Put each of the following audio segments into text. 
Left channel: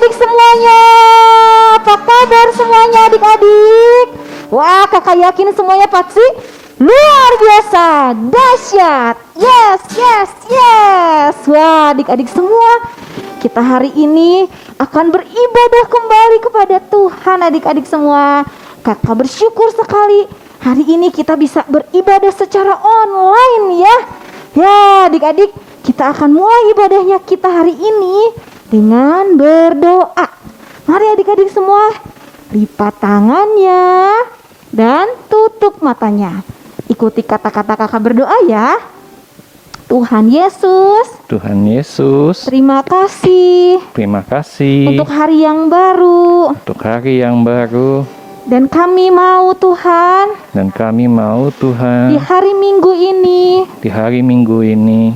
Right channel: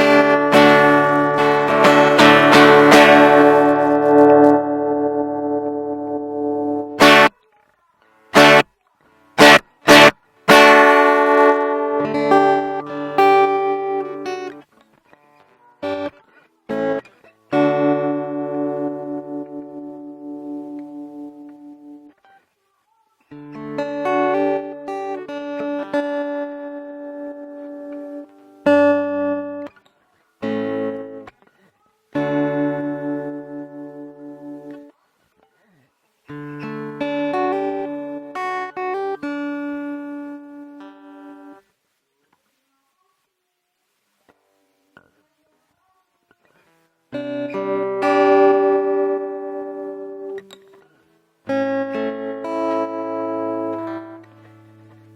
adik-adik semuanya. Apa kabar semuanya adik-adik? Wah, kakak yakin semuanya pasti luar biasa, dahsyat. Yes, yes, yes. Wah, adik-adik semua, kita hari ini akan beribadah kembali kepada Tuhan adik-adik semua. Kakak bersyukur sekali hari ini kita bisa beribadah secara online ya. Ya adik-adik, kita akan mulai ibadahnya kita hari ini dengan berdoa. Mari adik-adik semua, lipat tangannya dan tutup matanya. Ikuti kata-kata kakak berdoa ya. Tuhan Yesus, Tuhan Yesus, terima kasih untuk hari yang baru. Dan kami mau Tuhan, di hari Minggu ini,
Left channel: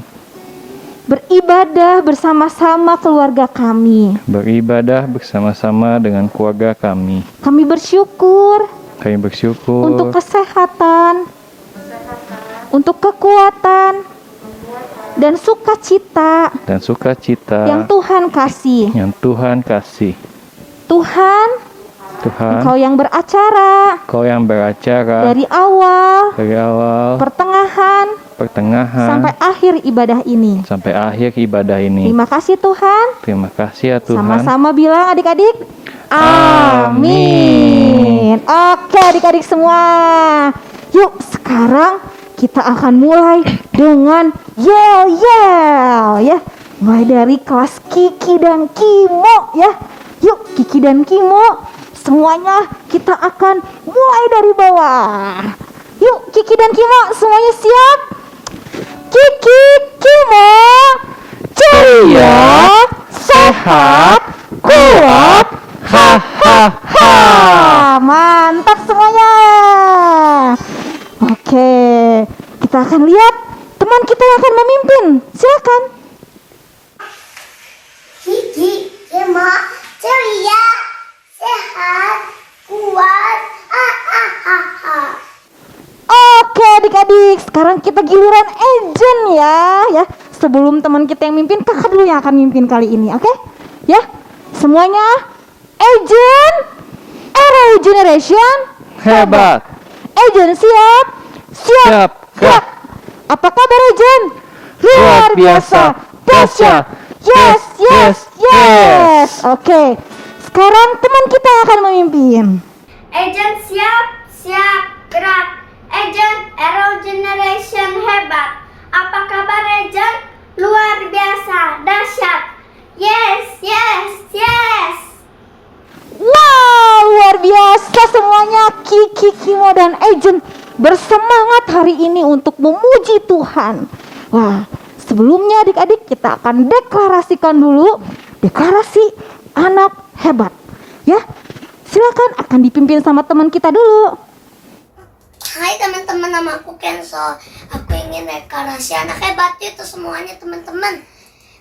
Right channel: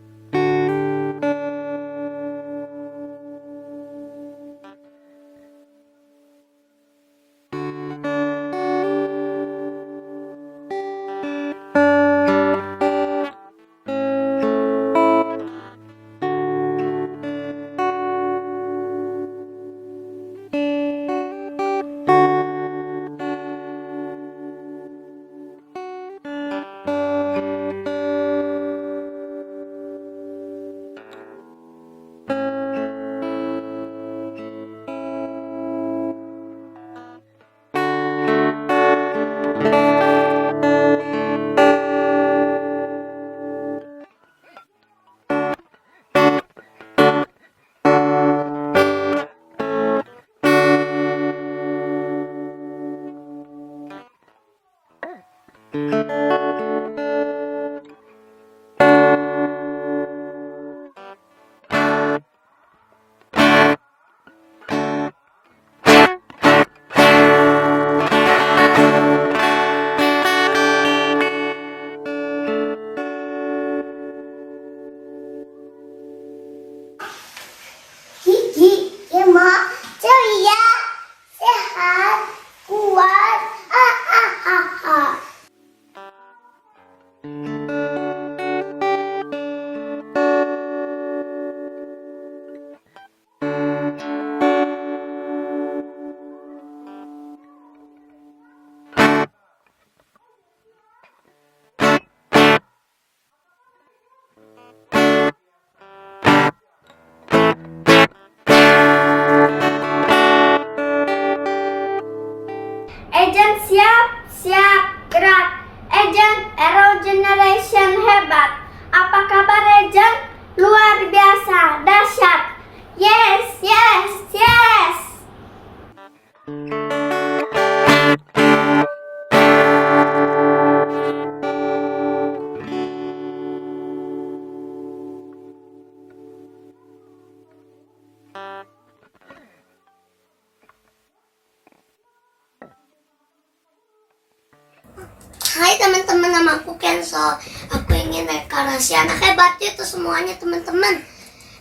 beribadah bersama-sama keluarga kami. dengan keluarga kami. Kami bersyukur untuk Untuk kesehatan, untuk kekuatan dan sukacita dan sukacita yang Tuhan kasih. Tuhan, Engkau yang beracara Kau yang beracara dari awal, dari awal, pertengahan, sampai akhir ibadah ini. Terima Terima kasih Tuhan. kasih ya Tuhan. Sama-sama bilang adik-adik, amin. Oke adik-adik semua, yuk sekarang kita akan mulai dengan yel-yel ya. Mulai dari kelas Kiki dan Kimo ya. Yuk Kiki dan Kimo, semuanya kita akan mulai dari bawah. Yuk Kiki dan Kimo, semuanya siap? Kiki, Kimo, ceria, sehat, kuat, ha. Mantap semuanya. Oke, kita akan lihat teman kita yang akan memimpin. Silakan. Kiki, Kimo, ceria, sehat, kuat, ha. Oke adik-adik, sekarang kita giliran Ejen ya. Sebelum teman kita yang mimpin, kakak dulu yang akan mimpin kali ini, oke? Ya, semuanya Ejen, Arrow Generation, Hebat. Ejen siap? Siap. Apa kabar Ejen? Luar biasa, dahsyat. Yes. Oke, sekarang teman kita yang akan memimpin. Agent siap, gerak. Agent Arrow Generation hebat. Apa kabar Agent? Luar biasa, dahsyat. Yes. Wow, luar biasa semuanya. Kiki, Kimo, dan Ejen bersemangat hari ini untuk memuji Tuhan. Wah, sebelumnya adik-adik kita akan deklarasikan dulu deklarasi anak hebat. Ya, silakan akan dipimpin sama teman kita dulu. Hai teman-teman, nama aku Kenzo. Aku ingin deklarasi anak hebat itu semuanya teman-teman.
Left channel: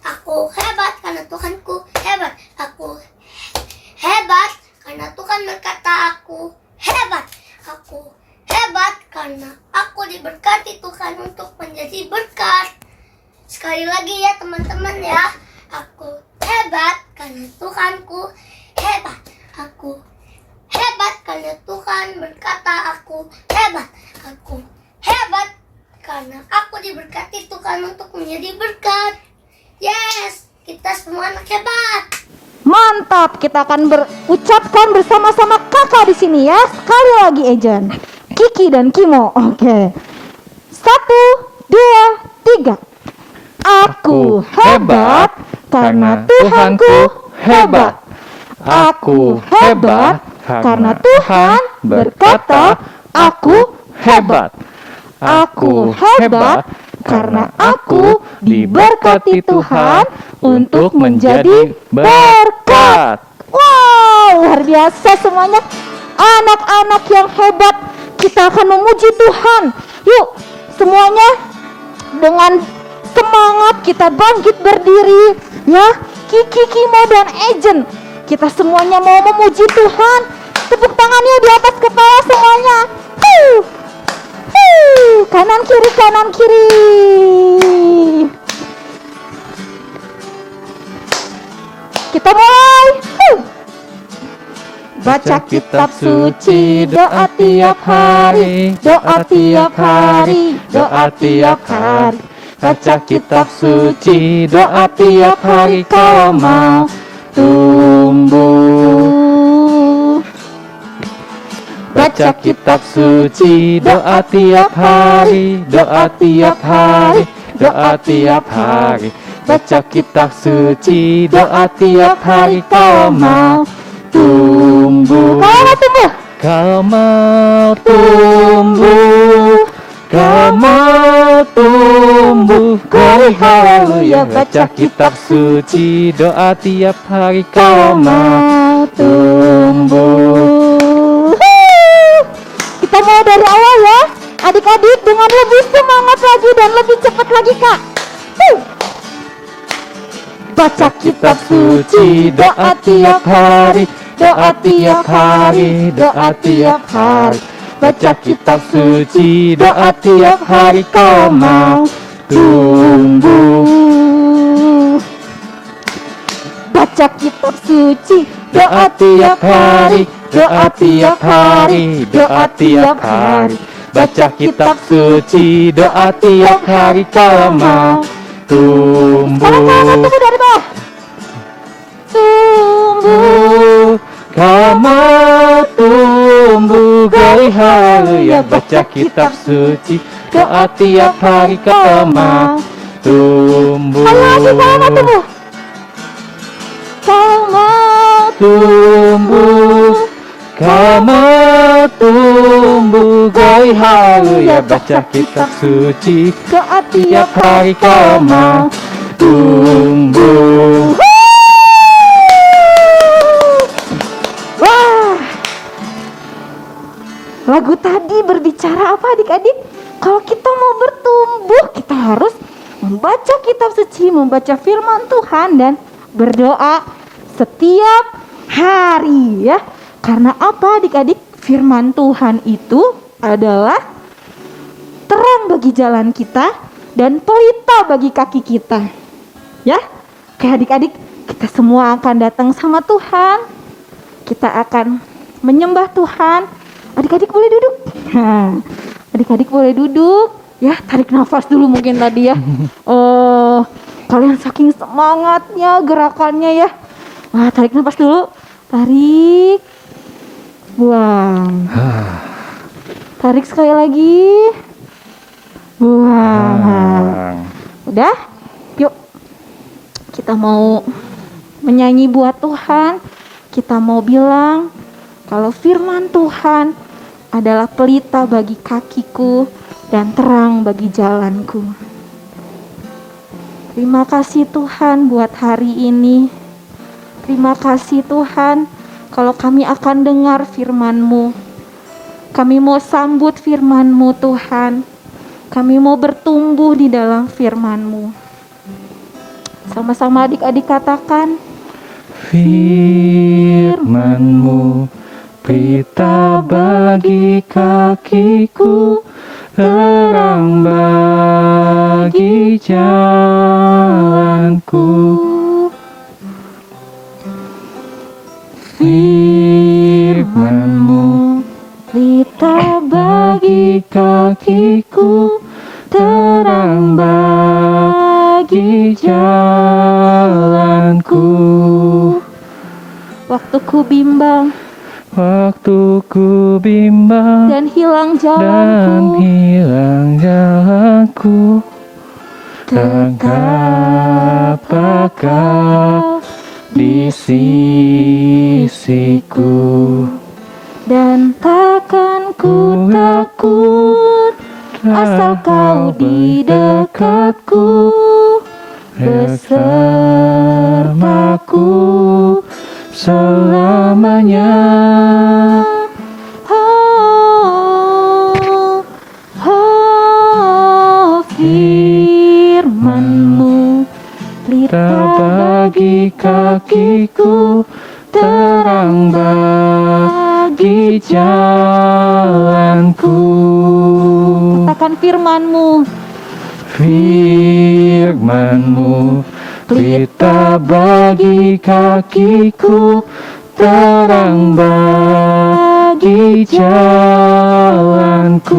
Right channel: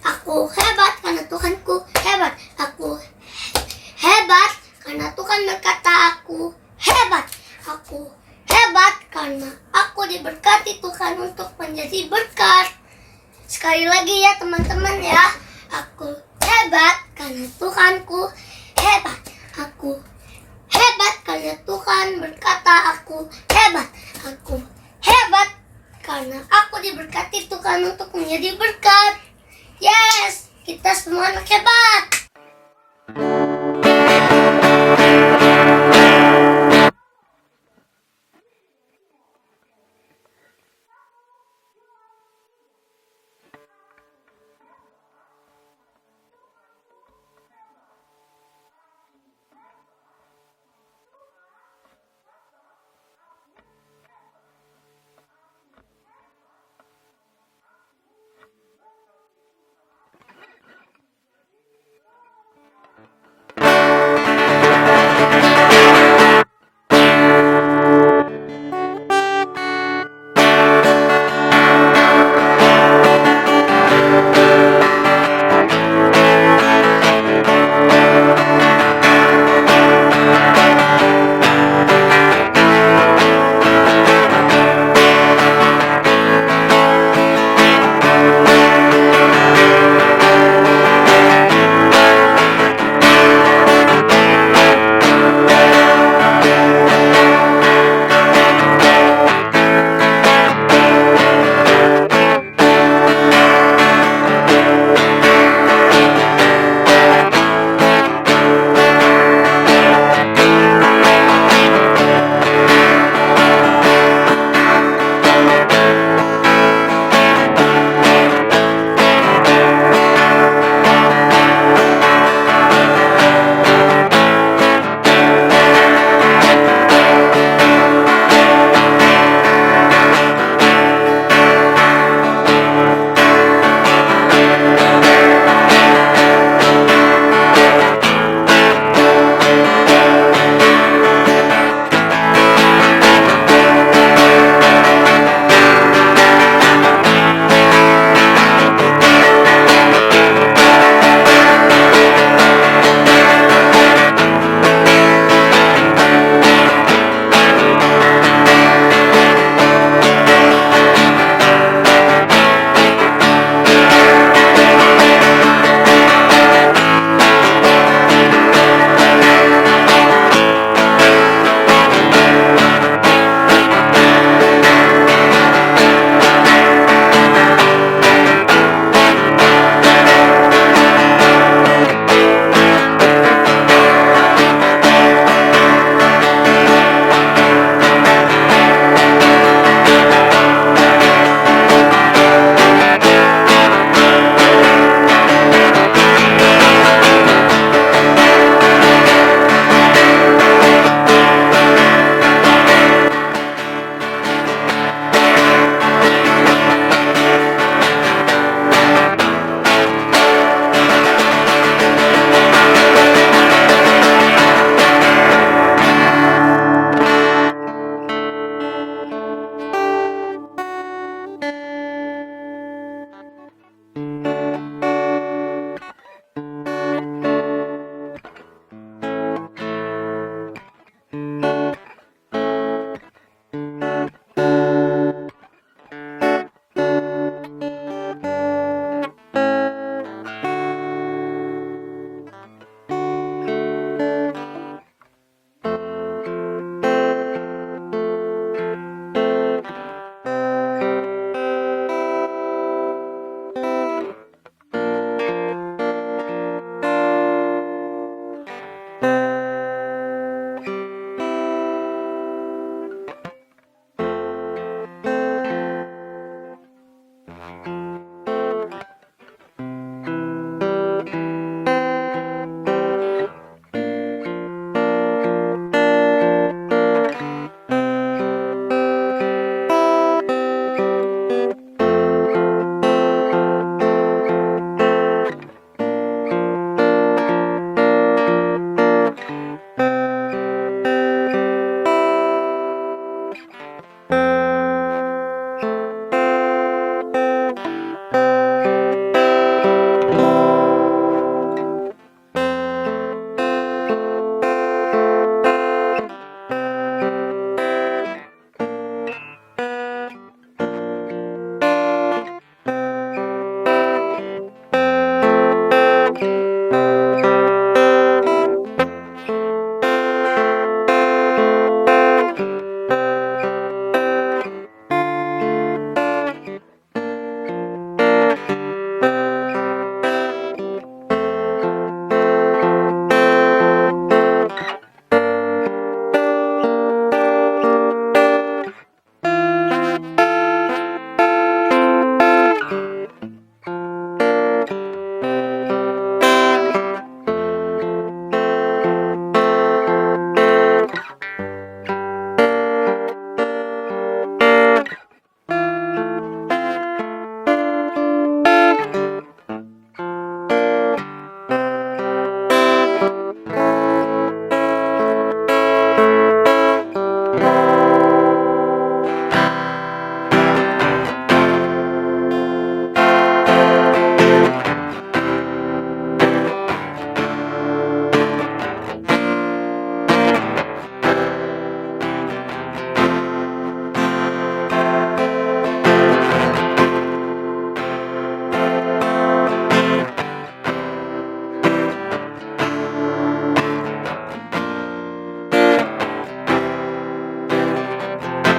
Aku hebat karena Tuhanku hebat. Aku hebat karena Tuhan berkata aku hebat. Aku hebat karena aku diberkati Tuhan untuk menjadi berkat. Sekali lagi ya teman-teman ya. Aku hebat karena Tuhanku hebat. Aku hebat karena Tuhan berkata aku hebat. Aku hebat karena aku diberkati Tuhan untuk menjadi berkat. Yes, kita semua anak hebat. Mantap, kita akan berucapkan bersama-sama kakak di sini ya. Sekali lagi Ejen, Kiki dan Kimo. Oke. 1, 2, 3. Aku hebat karena Tuhanku hebat. Aku hebat karena Tuhan berkata aku hebat. Aku hebat karena aku diberkati Tuhan untuk menjadi berkat. Wow, luar biasa semuanya. Anak-anak yang hebat, kita akan memuji Tuhan. Yuk, semuanya dengan semangat kita bangkit berdiri ya. Kiki, Kimo, dan Ejen, kita semuanya mau memuji Tuhan. Tepuk tangannya di atas kepala semuanya. Kanan kiri. Kita mulai. tiap hari, doa tiap hari, doa tiap hari. Baca kitab suci, doa tiap hari. Kau mau tumbuh, Kau tunggu. kau mau tumbuh, kau mau tumbuh. Kau hari yang baca kitab suci, doa tiap hari. Kau mau tumbuh. Kita mulai dari awal ya. Adik-adik dengan lebih semangat lagi dan lebih cepat lagi Kak. Baca kitab suci, doa tiap hari, doa tiap hari, doa tiap hari. Baca kitab suci, doa tiap hari. Kau mau tumbuh. Baca kitab suci, doa tiap hari, doa tiap hari, doa tiap hari. Baca kitab suci, doa tiap hari. Kau mau tumbuh. Kau mau tumbuh dari hari yang baca kitab suci, doa tiap hari. Kau mau tumbuh. Tumbuh, kau mau tumbuh dari hari yang baca kitab suci, doa tiap hari. Kau mau tumbuh. Lagu tadi berbicara apa adik-adik? Kalau kita mau bertumbuh, kita harus membaca kitab suci, membaca firman Tuhan dan berdoa setiap hari ya. Karena apa adik-adik? Firman Tuhan itu adalah terang bagi jalan kita dan pelita bagi kaki kita. Ya, kayak adik-adik, kita semua akan datang sama Tuhan. Kita akan menyembah Tuhan. Adik-adik boleh duduk. Adik-adik boleh duduk. Ya, tarik nafas dulu mungkin tadi ya. Kalian saking semangatnya gerakannya ya. Wah, tarik nafas dulu. Tarik. Buang. Tarik sekali lagi. Buang. Udah? Yuk. Kita mau menyanyi buat Tuhan. Kita mau bilang kalau firman Tuhan adalah pelita bagi kakiku dan terang bagi jalanku. Terima kasih Tuhan buat hari ini. Terima kasih Tuhan kalau kami akan dengar firman-Mu. Kami mau sambut firman-Mu Tuhan. Kami mau bertumbuh di dalam firman-Mu. Sama-sama adik-adik katakan, Firman-Mu pelita bagi kakiku, terang bagi jalanku. Firman-Mu pelita bagi kakiku, terang bagi jalanku. waktu ku bimbang Waktu ku bimbang dan hilang dan jalanku, hilang jalanku, tetaplah Kau di sisiku. dan takkan ku takut asal Kau di dekatku, bersamaku selamanya. Firman-Mu Kau bagi kakiku, terang bagi jalanku. katakan firman-Mu, Firman-Mu pelita bagi kakiku, terang bagi jalanku.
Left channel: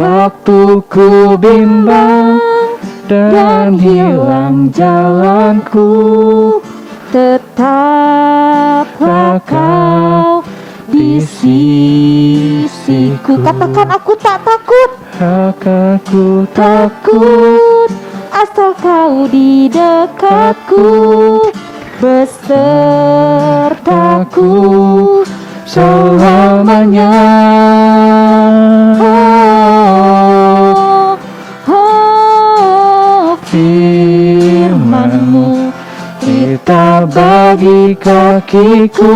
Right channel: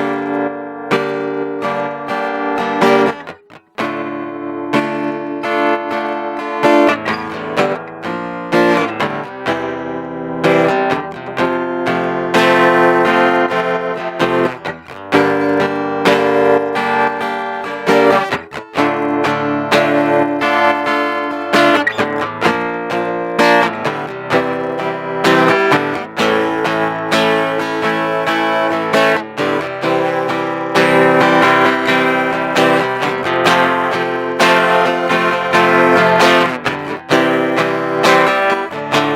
waktu ku bimbang dan hilang jalanku, tetaplah Kau di sisiku. takut, asal kau di dekatku, besertaku selamanya. Firman-Nya kita bagi kakiku,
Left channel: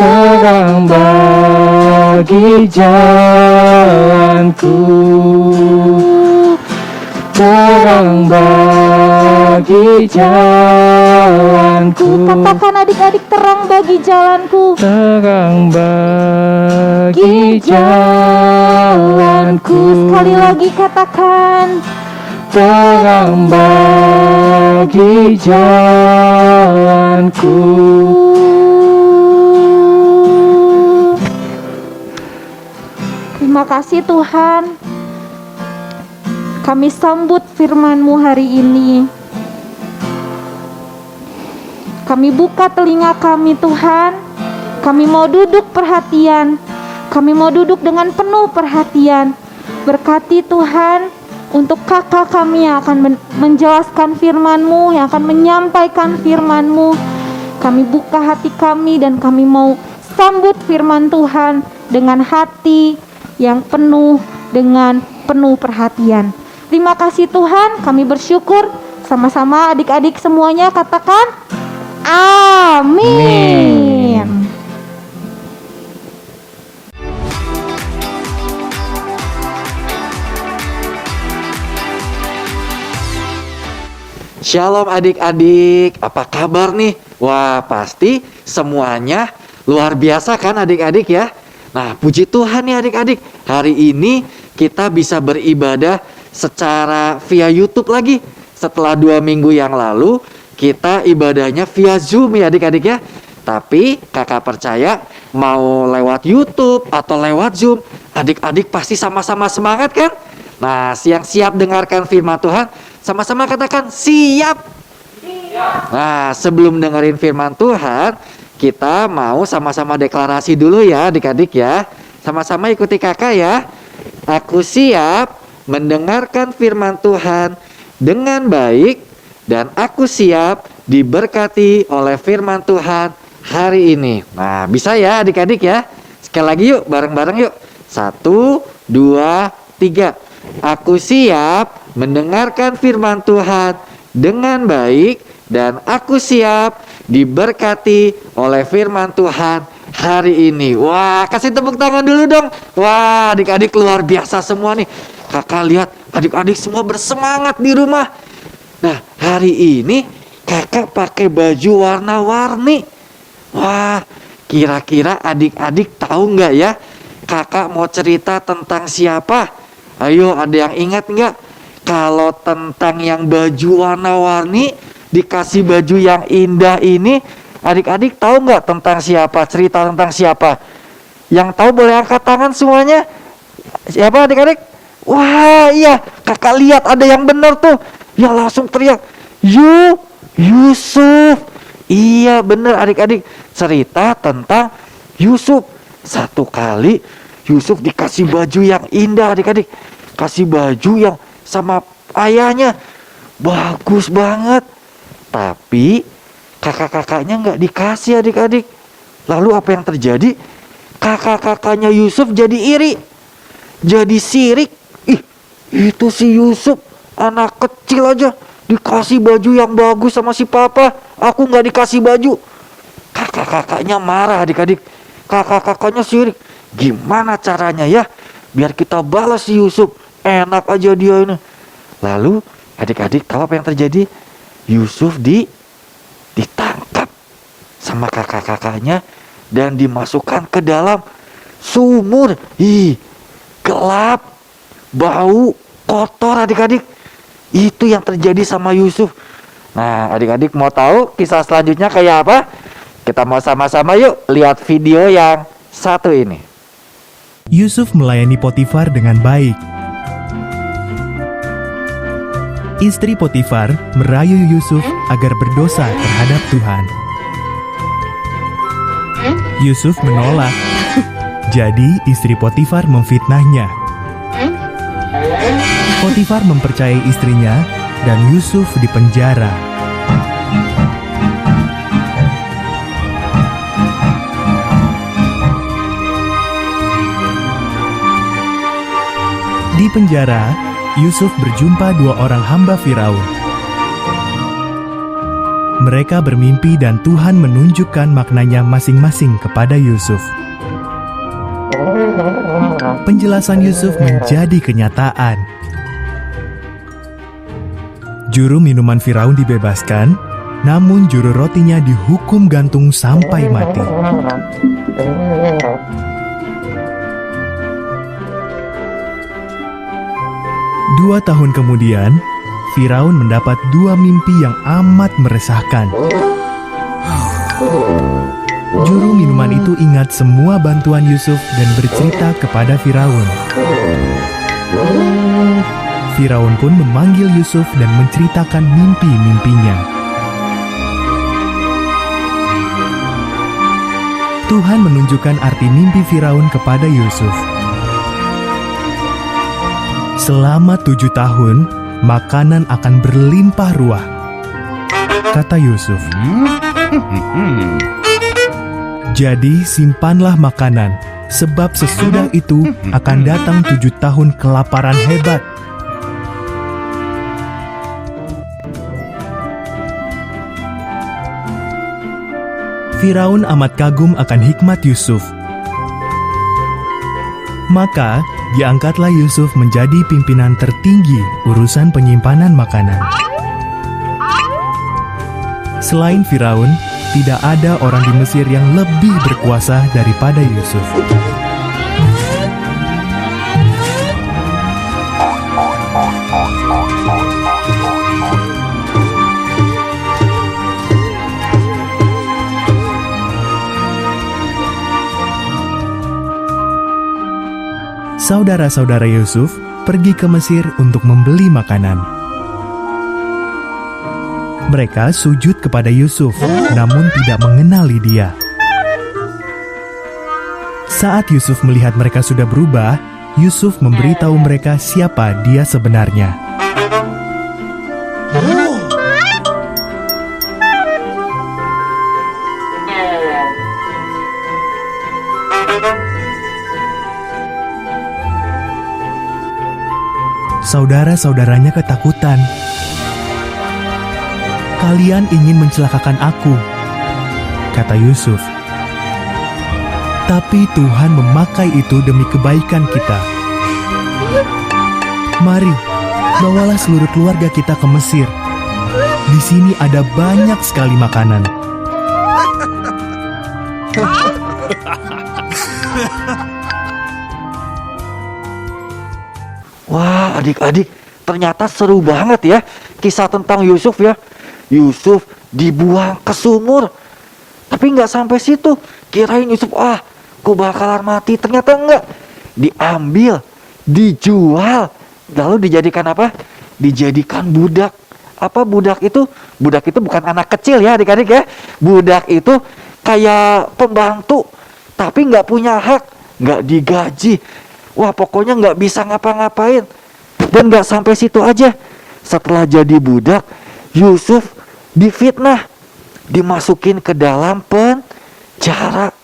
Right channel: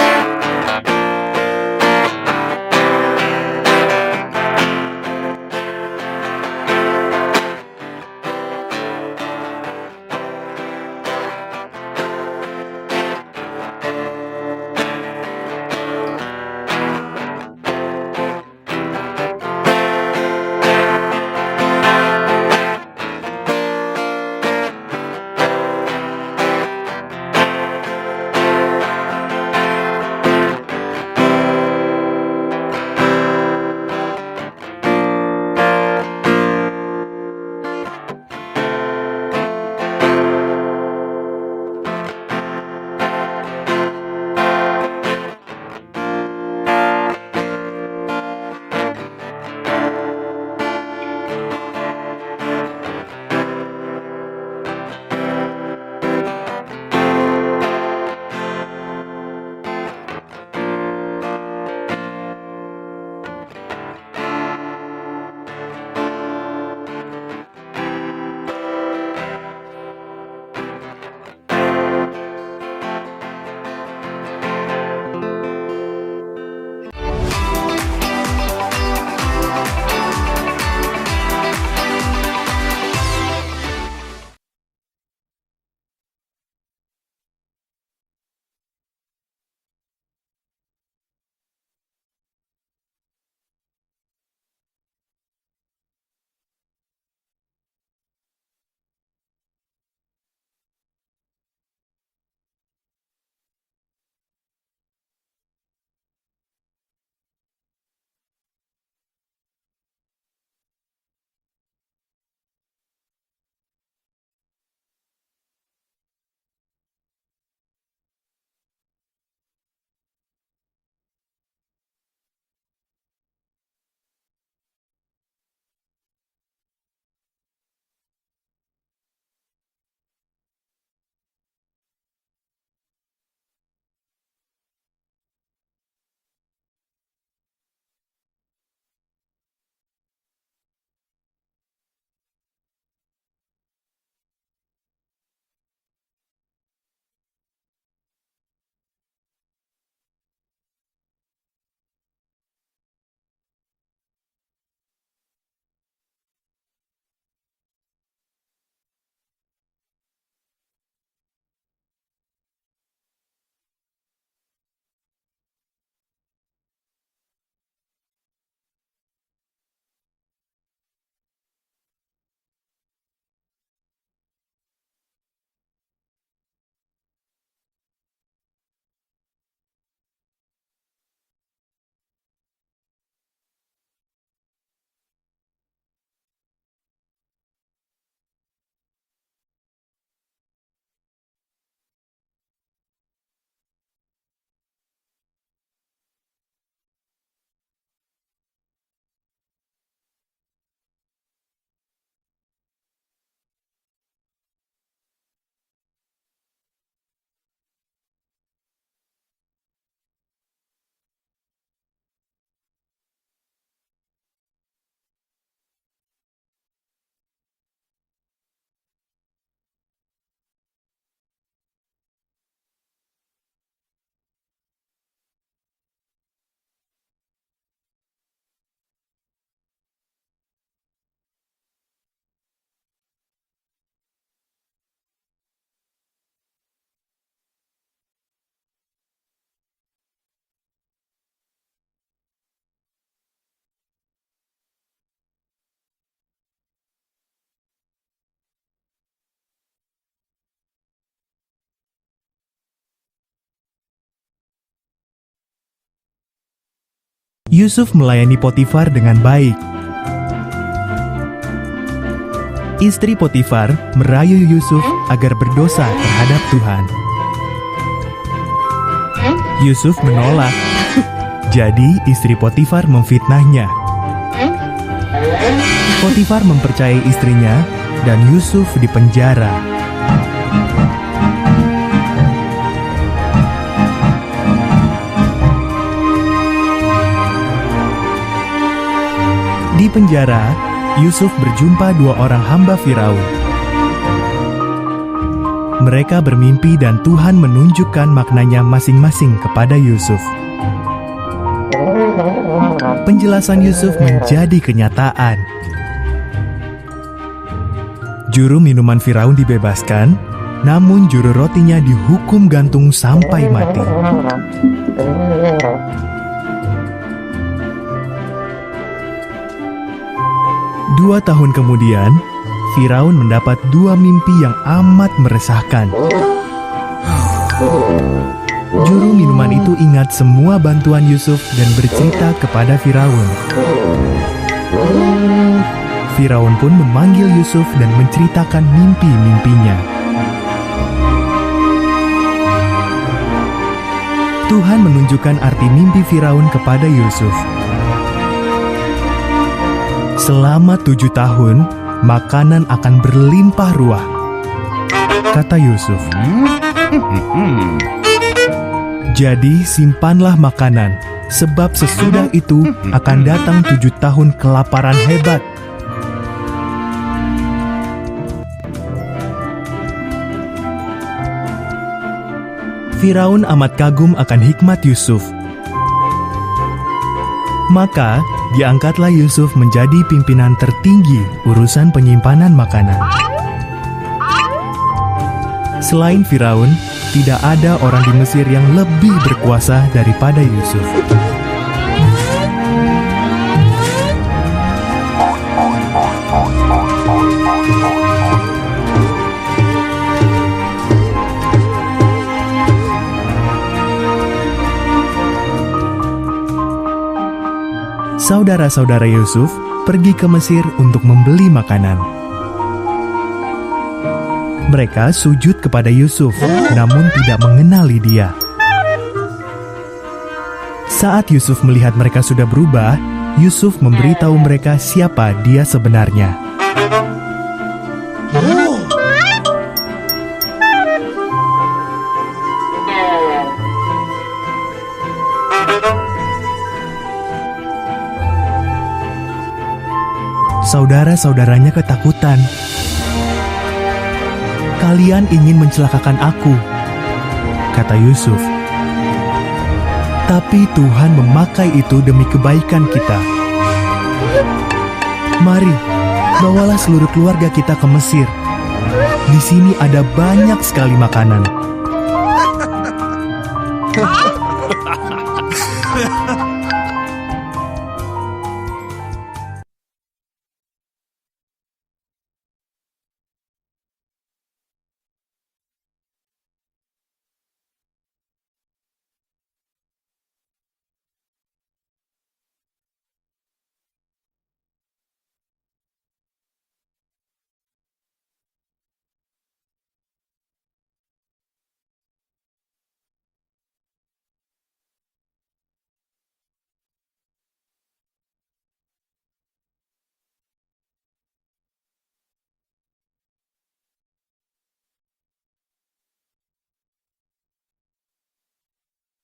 terang bagi jalanku, terang bagi jalanku. Katakan adik-adik, terang bagi jalanku, Terang bagi jalanku, sekali lagi katakan, terang bagi jalanku. Terima kasih Tuhan, kami sambut firman-Mu hari ini. Kami buka telinga kami Tuhan, kami mau duduk perhatian, kami mau duduk dengan penuh perhatian. Berkati Tuhan untuk kakak kami yang akan menjelaskan firman-Mu, yang akan menyampaikan firman-Mu. Kami buka hati kami dan kami mau sambut firman Tuhan dengan hati yang penuh dengan penuh perhatian. Terima kasih Tuhan, kami bersyukur. Sama-sama adik-adik semuanya katakan amin. Shalom adik-adik, apa kabar nih? Wah, pasti semuanya luar biasa kan adik-adik ya? Nah, puji Tuhan nih adik-adik, hari ini kita bisa beribadah secara via YouTube lagi. Setelah 2 minggu yang lalu, kita ibadahnya via Zoom ya adik-adik ya. Tapi kakak percaya mau lewat YouTube atau lewat Zoom, adik-adik pasti sama-sama semangat kan? Nah, yang siap dengarkan firman Tuhan, sama-sama katakan siap. Nah, sebelum dengerin firman Tuhan, kita mau sama-sama deklarasi dulu ya adik-adik ya. Sama-sama ikuti kakak ya. Aku siap mendengarkan firman Tuhan dengan baik, dan aku siap diberkati oleh firman Tuhan hari ini. Nah, bisa ya adik-adik ya. Sekali lagi yuk, bareng-bareng yuk. 1, 2, 3. Aku siap mendengarkan firman Tuhan dengan baik, dan aku siap diberkati oleh firman Tuhan hari ini. Wah, kasih tepuk tangan dulu dong. Wah, adik-adik luar biasa semua nih. Kakak lihat adik-adik semua bersemangat di rumah. Nah, hari ini kakak pakai baju warna-warni. Wah, kira-kira adik-adik tahu nggak ya, kakak mau cerita tentang siapa? Ayo, ada yang ingat nggak? Kalau tentang yang baju warna-warni, dikasih baju yang indah ini, adik-adik tahu nggak tentang siapa? Cerita tentang siapa? Yang tahu boleh angkat tangan semuanya. Siapa adik-adik? Wah, iya, kakak lihat ada yang benar tuh. Ya langsung teriak, Yusuf. Iya benar adik-adik, cerita tentang Yusuf. Satu kali Yusuf dikasih baju yang indah adik-adik. Kasih baju yang sama ayahnya, bagus banget. Tapi kakak-kakaknya nggak dikasih adik-adik. Lalu apa yang terjadi? Kakak-kakaknya Yusuf jadi iri, jadi sirik. Ih, itu si Yusuf anak kecil aja dikasih baju yang bagus sama si papa, aku nggak dikasih baju. Kakak-kakaknya marah adik-adik. Kakak-kakaknya sirik. Gimana caranya ya biar kita balas si Yusuf? Enak aja dia ini. Lalu adik-adik tahu apa yang terjadi? Yusuf ditangkap sama kakak-kakaknya dan dimasukkan ke dalam sumur. Ih, gelap, bau, kotor adik-adik. Itu yang terjadi sama Yusuf. Nah, adik-adik mau tahu kisah selanjutnya kayak apa? Kita mau sama-sama yuk lihat video yang satu ini. Yusuf melayani Potifar dengan baik. Istri Potifar merayu Yusuf agar berdosa terhadap Tuhan. Yusuf menolak. Jadi istri Potifar memfitnahnya. Potifar mempercayai istrinya dan Yusuf dipenjara. Di penjara, Yusuf berjumpa dua orang hamba Firaun. Mereka bermimpi dan Tuhan menunjukkan maknanya masing-masing kepada Yusuf. Penjelasan Yusuf menjadi kenyataan. Juru minuman Firaun dibebaskan, namun juru rotinya dihukum gantung sampai mati. 2 tahun kemudian, Firaun mendapat 2 mimpi yang amat meresahkan. Juru minuman itu ingat semua bantuan Yusuf dan bercerita kepada Firaun. Firaun pun memanggil Yusuf dan menceritakan mimpi-mimpinya. Tuhan menunjukkan arti mimpi Firaun kepada Yusuf. Selama 7 tahun, makanan akan berlimpah ruah, kata Yusuf. Jadi simpanlah makanan, sebab sesudah itu akan datang 7 tahun kelaparan hebat. Firaun amat kagum akan hikmat Yusuf. Maka, diangkatlah Yusuf menjadi pimpinan tertinggi urusan penyimpanan makanan. Selain Firaun, tidak ada orang di Mesir yang lebih berkuasa daripada Yusuf. Saudara-saudara Yusuf pergi ke Mesir untuk membeli makanan. Mereka sujud kepada Yusuf, namun tidak mengenali dia. Saat Yusuf melihat mereka sudah berubah, Yusuf memberitahu mereka siapa dia sebenarnya. Saudara-saudaranya ketakutan. Kalian ingin mencelakakan aku, kata Yusuf. Tapi Tuhan memakai itu demi kebaikan kita. Mari, bawalah seluruh keluarga kita ke Mesir. Di sini ada banyak sekali makanan. Wah, adik-adik, ternyata seru banget ya kisah tentang Yusuf ya. Yusuf dibuang ke sumur. Tapi nggak sampai situ. Kirain Yusuf, aku bakalan mati. Ternyata enggak. Diambil, dijual. Lalu dijadikan apa? Dijadikan budak. Apa budak itu? Budak itu bukan anak kecil ya adik-adik ya. Budak itu kayak pembantu. Tapi nggak punya hak. Nggak digaji. Wah, pokoknya nggak bisa ngapa-ngapain. Dan nggak sampai situ aja. Setelah jadi budak, Yusuf difitnah, dimasukin ke dalam penjara.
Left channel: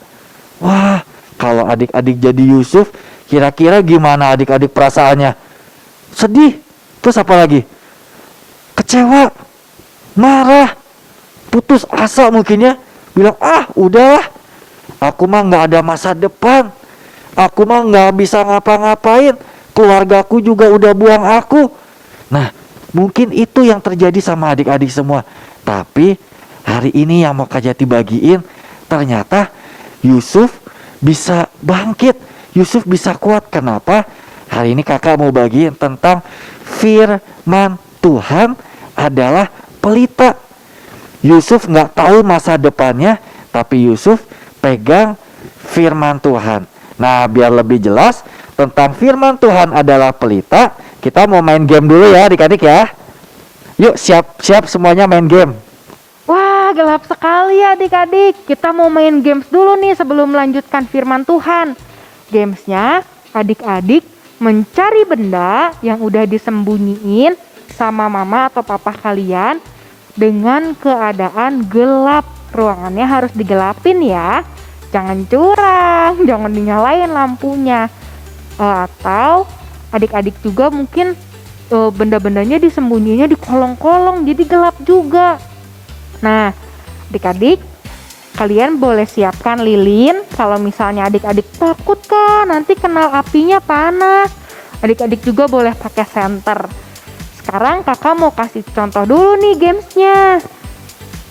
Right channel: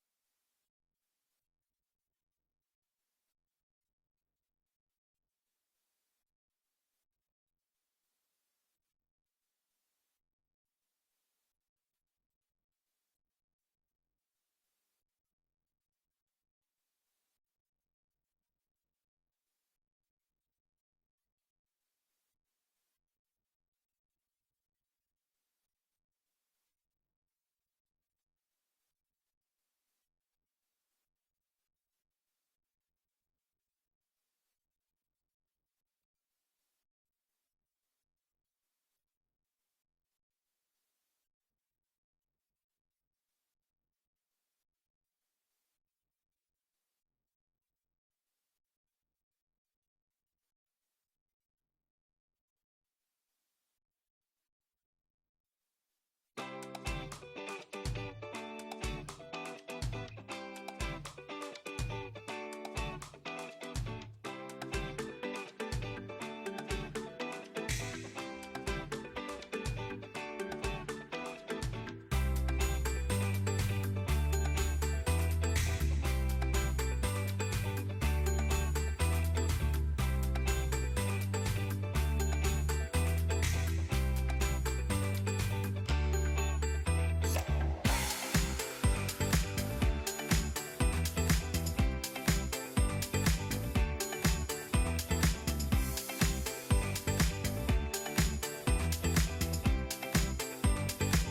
Wah, kalau adik-adik jadi Yusuf, kira-kira gimana adik-adik perasaannya? Sedih. Terus apa lagi? Kecewa, marah, putus asa mungkin ya. Bilang, udahlah, aku mah nggak ada masa depan. Aku mah nggak bisa ngapa-ngapain. Keluargaku juga udah buang aku. Nah, mungkin itu yang terjadi sama adik-adik semua. Tapi hari ini yang mau Kak Jati bagiin, ternyata Yusuf bisa bangkit. Yusuf bisa kuat. Kenapa? Hari ini kakak mau bagiin tentang firman Tuhan adalah pelita. Yusuf nggak tahu masa depannya, tapi Yusuf pegang firman Tuhan. Nah, biar lebih jelas tentang firman Tuhan adalah pelita, kita mau main game dulu ya adik-adik ya. Yuk, siap-siap semuanya main game. Wah, gelap sekali ya adik-adik. Kita mau main games dulu nih sebelum melanjutkan firman Tuhan. Gamesnya, adik-adik mencari benda yang udah disembunyiin sama mama atau papa kalian dengan keadaan gelap. Ruangannya harus digelapin ya. Jangan curang, jangan dinyalain lampunya. Atau adik-adik juga mungkin benda-bendanya disembunyinya di kolong-kolong, jadi gelap juga. Nah, adik-adik, kalian boleh siapkan lilin. Kalau misalnya adik-adik takut kan nanti kena apinya panas, adik-adik juga boleh pakai senter. Sekarang kakak mau kasih contoh dulu nih gamesnya.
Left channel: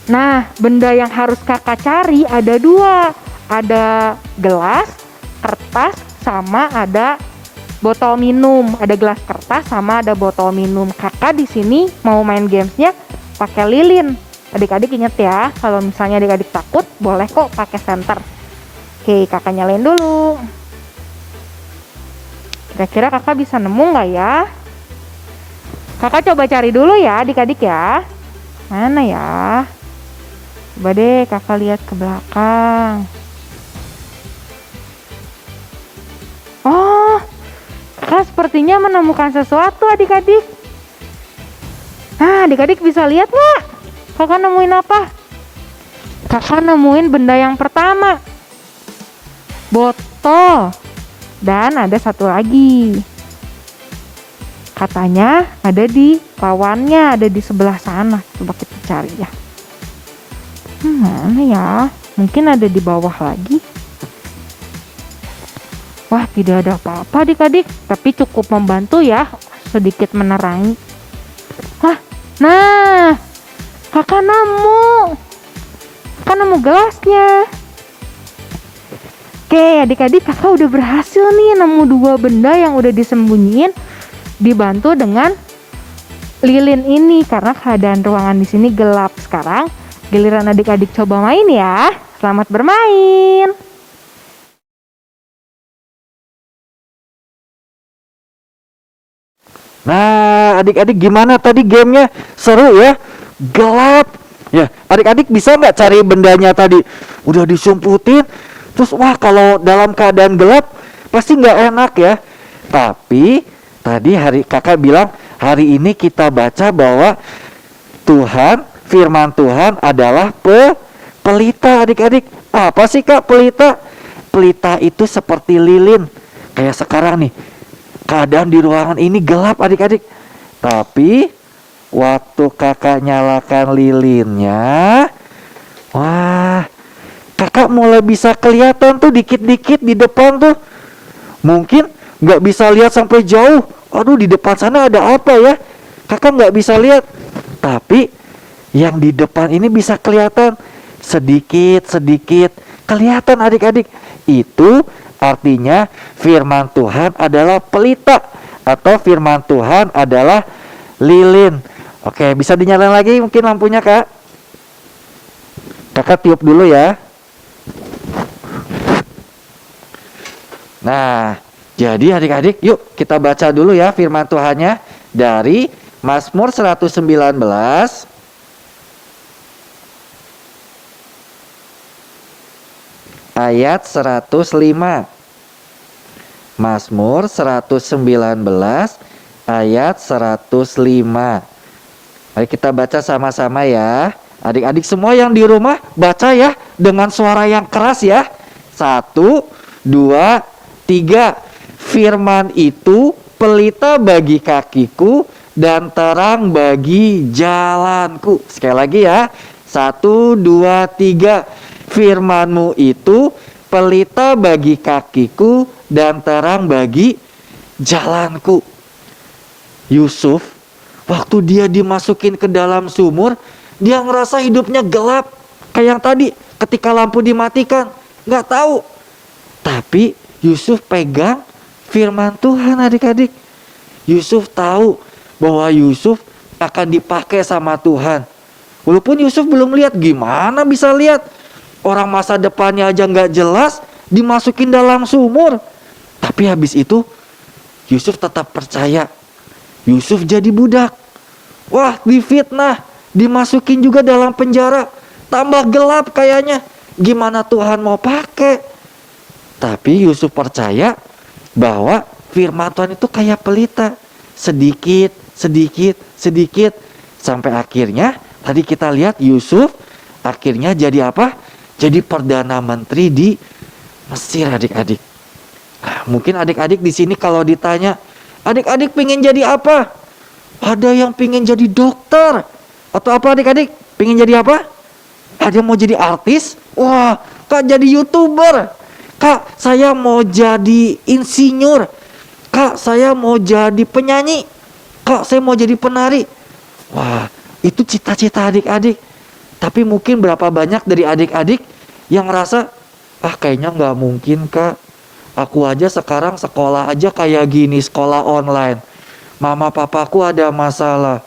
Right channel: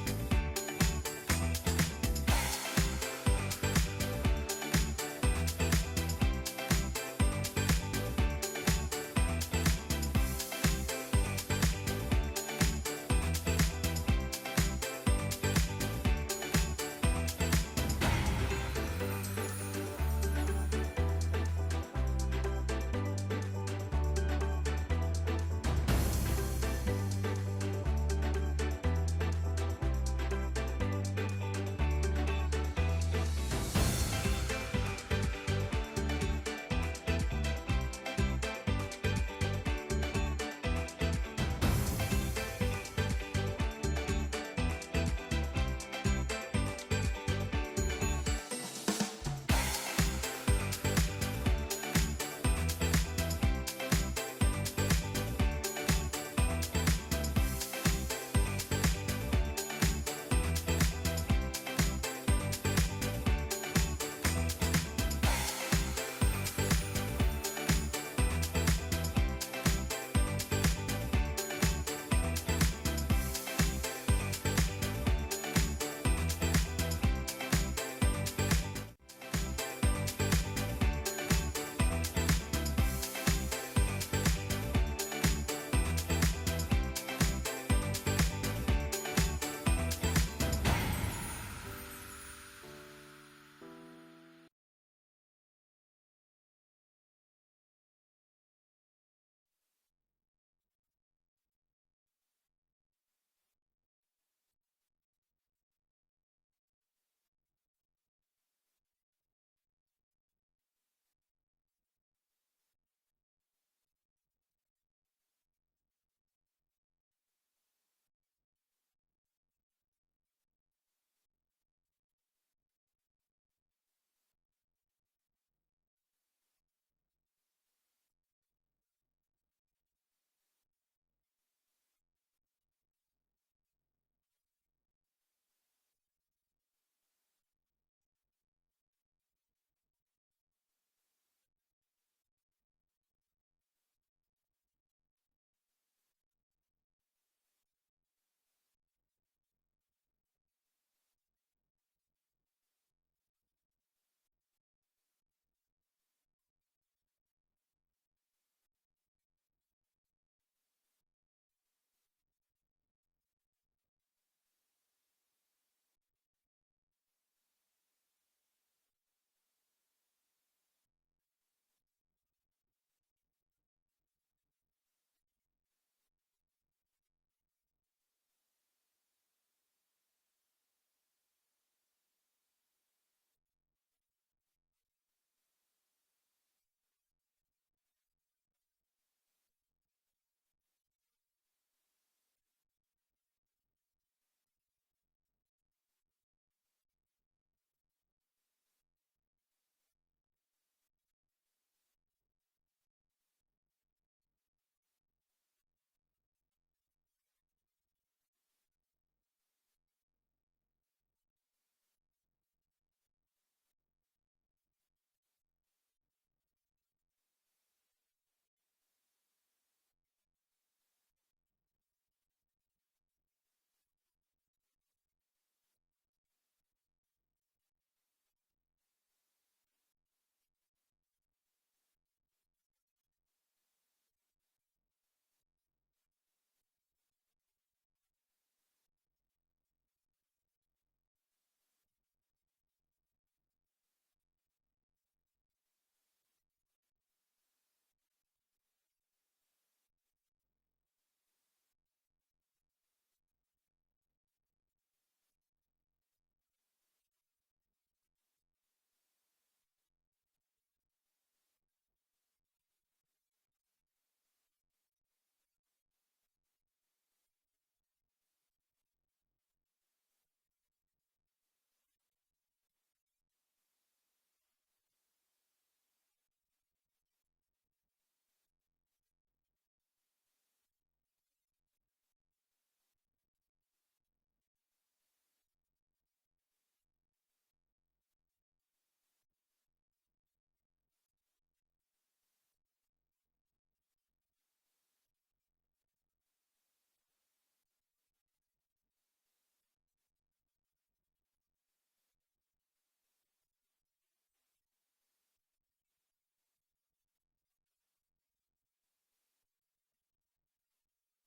Nah, benda yang harus kakak cari ada 2. Ada gelas, kertas, sama ada botol minum. Ada gelas kertas sama ada botol minum. Kakak di sini mau main gamesnya pakai lilin. Adik-adik inget ya, kalau misalnya adik-adik takut boleh kok pakai senter. Oke, kakak nyalain dulu. Kira-kira kakak bisa nemu nggak ya? Kakak coba cari dulu ya adik-adik ya. Mana ya? Coba deh kakak lihat ke belakang. Oh, kakak sepertinya menemukan sesuatu adik-adik. Nah, adik-adik bisa lihat nggak? Kakak nemuin apa? Kakak nemuin benda yang pertama. Botol. Dan ada satu lagi. Katanya ada di lawannya, ada di sebelah sana. Coba kita cari ya. Mana ya? Mungkin ada di bawah lagi. Wah, tidak ada apa-apa adik-adik. Tapi cukup membantu ya. Sedikit menerangi. Wah, nah. Kakak nemu gelasnya. Oke adik-adik, kakak udah berhasil nih nemu 2 benda yang udah disembunyiin. Dibantu dengan lilin ini karena keadaan ruangan di sini gelap. Sekarang giliran adik-adik coba main ya. Selamat bermain. Nah, adik-adik gimana tadi gamenya? Seru ya? Gelap. Ya, adik-adik bisa nggak cari bendanya tadi? Udah disumputin. Terus wah, kalau dalam keadaan gelap pasti nggak enak ya. Tapi tadi kakak bilang hari ini kita baca bahwa Tuhan, firman Tuhan adalah pelita adik-adik. Apa sih kak pelita? Pelita itu seperti lilin. Kayak sekarang nih, keadaan di ruangan ini gelap adik-adik. Tapi waktu kakak nyalakan lilinnya, wah, kakak mulai bisa kelihatan tuh dikit-dikit di depan tuh. Mungkin nggak bisa lihat sampai jauh. Aduh, di depan sana ada apa ya? Kakak nggak bisa lihat. Tapi yang di depan ini bisa kelihatan sedikit-sedikit. Kelihatan adik-adik. Itu artinya firman Tuhan adalah pelita. Atau firman Tuhan adalah lilin. Oke, bisa dinyalain lagi mungkin lampunya kak. Kakak tiup dulu ya. Nah, jadi adik-adik yuk kita baca dulu ya firman Tuhannya dari Mazmur 119 ayat 105. Mazmur 119 ayat 105. Mari kita baca sama-sama ya. Adik-adik semua yang di rumah baca ya dengan suara yang keras ya. 1, 2, 3. Firman itu pelita bagi kakiku dan terang bagi jalanku. Sekali lagi ya. 1, 2, 3. Firman-Mu itu pelita bagi kakiku dan terang bagi jalanku. Yusuf, waktu dia dimasukin ke dalam sumur, dia ngerasa hidupnya gelap. Kayak yang tadi, ketika lampu dimatikan, nggak tahu. Tapi Yusuf pegang firman Tuhan adik-adik. Yusuf tahu bahwa Yusuf akan dipakai sama Tuhan. Walaupun Yusuf belum lihat, gimana bisa lihat? Orang masa depannya aja nggak jelas, dimasukin dalam sumur. Tapi habis itu, Yusuf tetap percaya. Yusuf jadi budak. Wah, difitnah, dimasukin juga dalam penjara. Tambah gelap kayaknya. Gimana Tuhan mau pakai? Tapi Yusuf percaya bahwa firman Tuhan itu kayak pelita, sedikit, sedikit, sedikit, sampai akhirnya tadi kita lihat Yusuf akhirnya jadi apa? Jadi perdana menteri di Mesir, adik-adik. Nah, mungkin adik-adik di sini kalau ditanya, adik-adik pengen jadi apa? Ada yang pengen jadi dokter. Atau apa adik-adik? Pengen jadi apa? Ada yang mau jadi artis? Wah, Kak jadi YouTuber. Kak, saya mau jadi insinyur. Kak, saya mau jadi penyanyi. Kak, saya mau jadi penari. Wah, itu cita-cita adik-adik. Tapi mungkin berapa banyak dari adik-adik yang ngerasa, kayaknya nggak mungkin Kak. Aku aja sekarang sekolah aja kayak gini, sekolah online. Mama papaku ada masalah.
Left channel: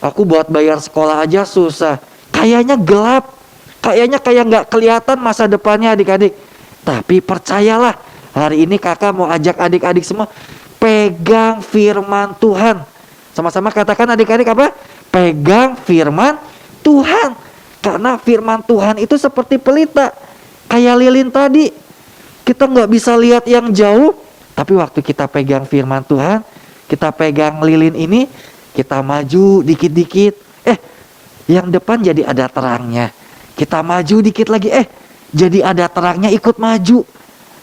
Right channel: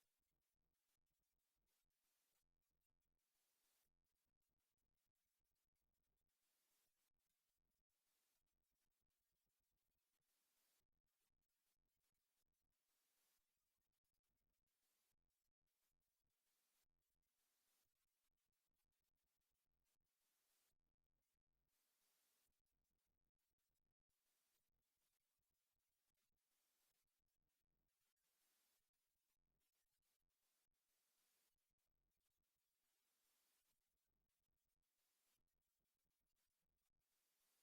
Aku buat bayar sekolah aja susah. Kayaknya gelap. Kayaknya kayak nggak kelihatan masa depannya adik-adik. Tapi percayalah, hari ini kakak mau ajak adik-adik semua pegang firman Tuhan. Sama-sama katakan adik-adik apa? Pegang firman Tuhan. Karena firman Tuhan itu seperti pelita. Kayak lilin tadi. Kita nggak bisa lihat yang jauh. Tapi waktu kita pegang firman Tuhan, kita pegang lilin ini, kita maju dikit-dikit. Yang depan jadi ada terangnya. Kita maju dikit lagi. Jadi ada terangnya, ikut maju.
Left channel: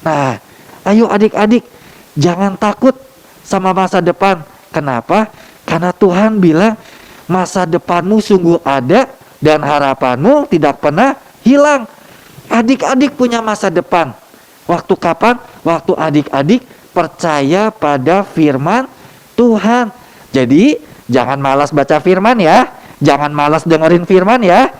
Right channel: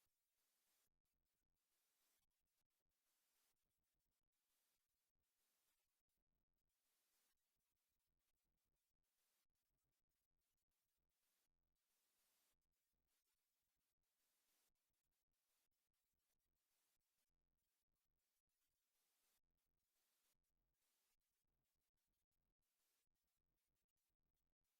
Nah, ayo adik-adik, jangan takut sama masa depan. Kenapa? Karena Tuhan bilang masa depanmu sungguh ada dan harapanmu tidak pernah hilang. Adik-adik punya masa depan. Waktu kapan? Waktu adik-adik percaya pada firman Tuhan. Jadi jangan malas baca firman ya. Jangan malas dengerin firman ya.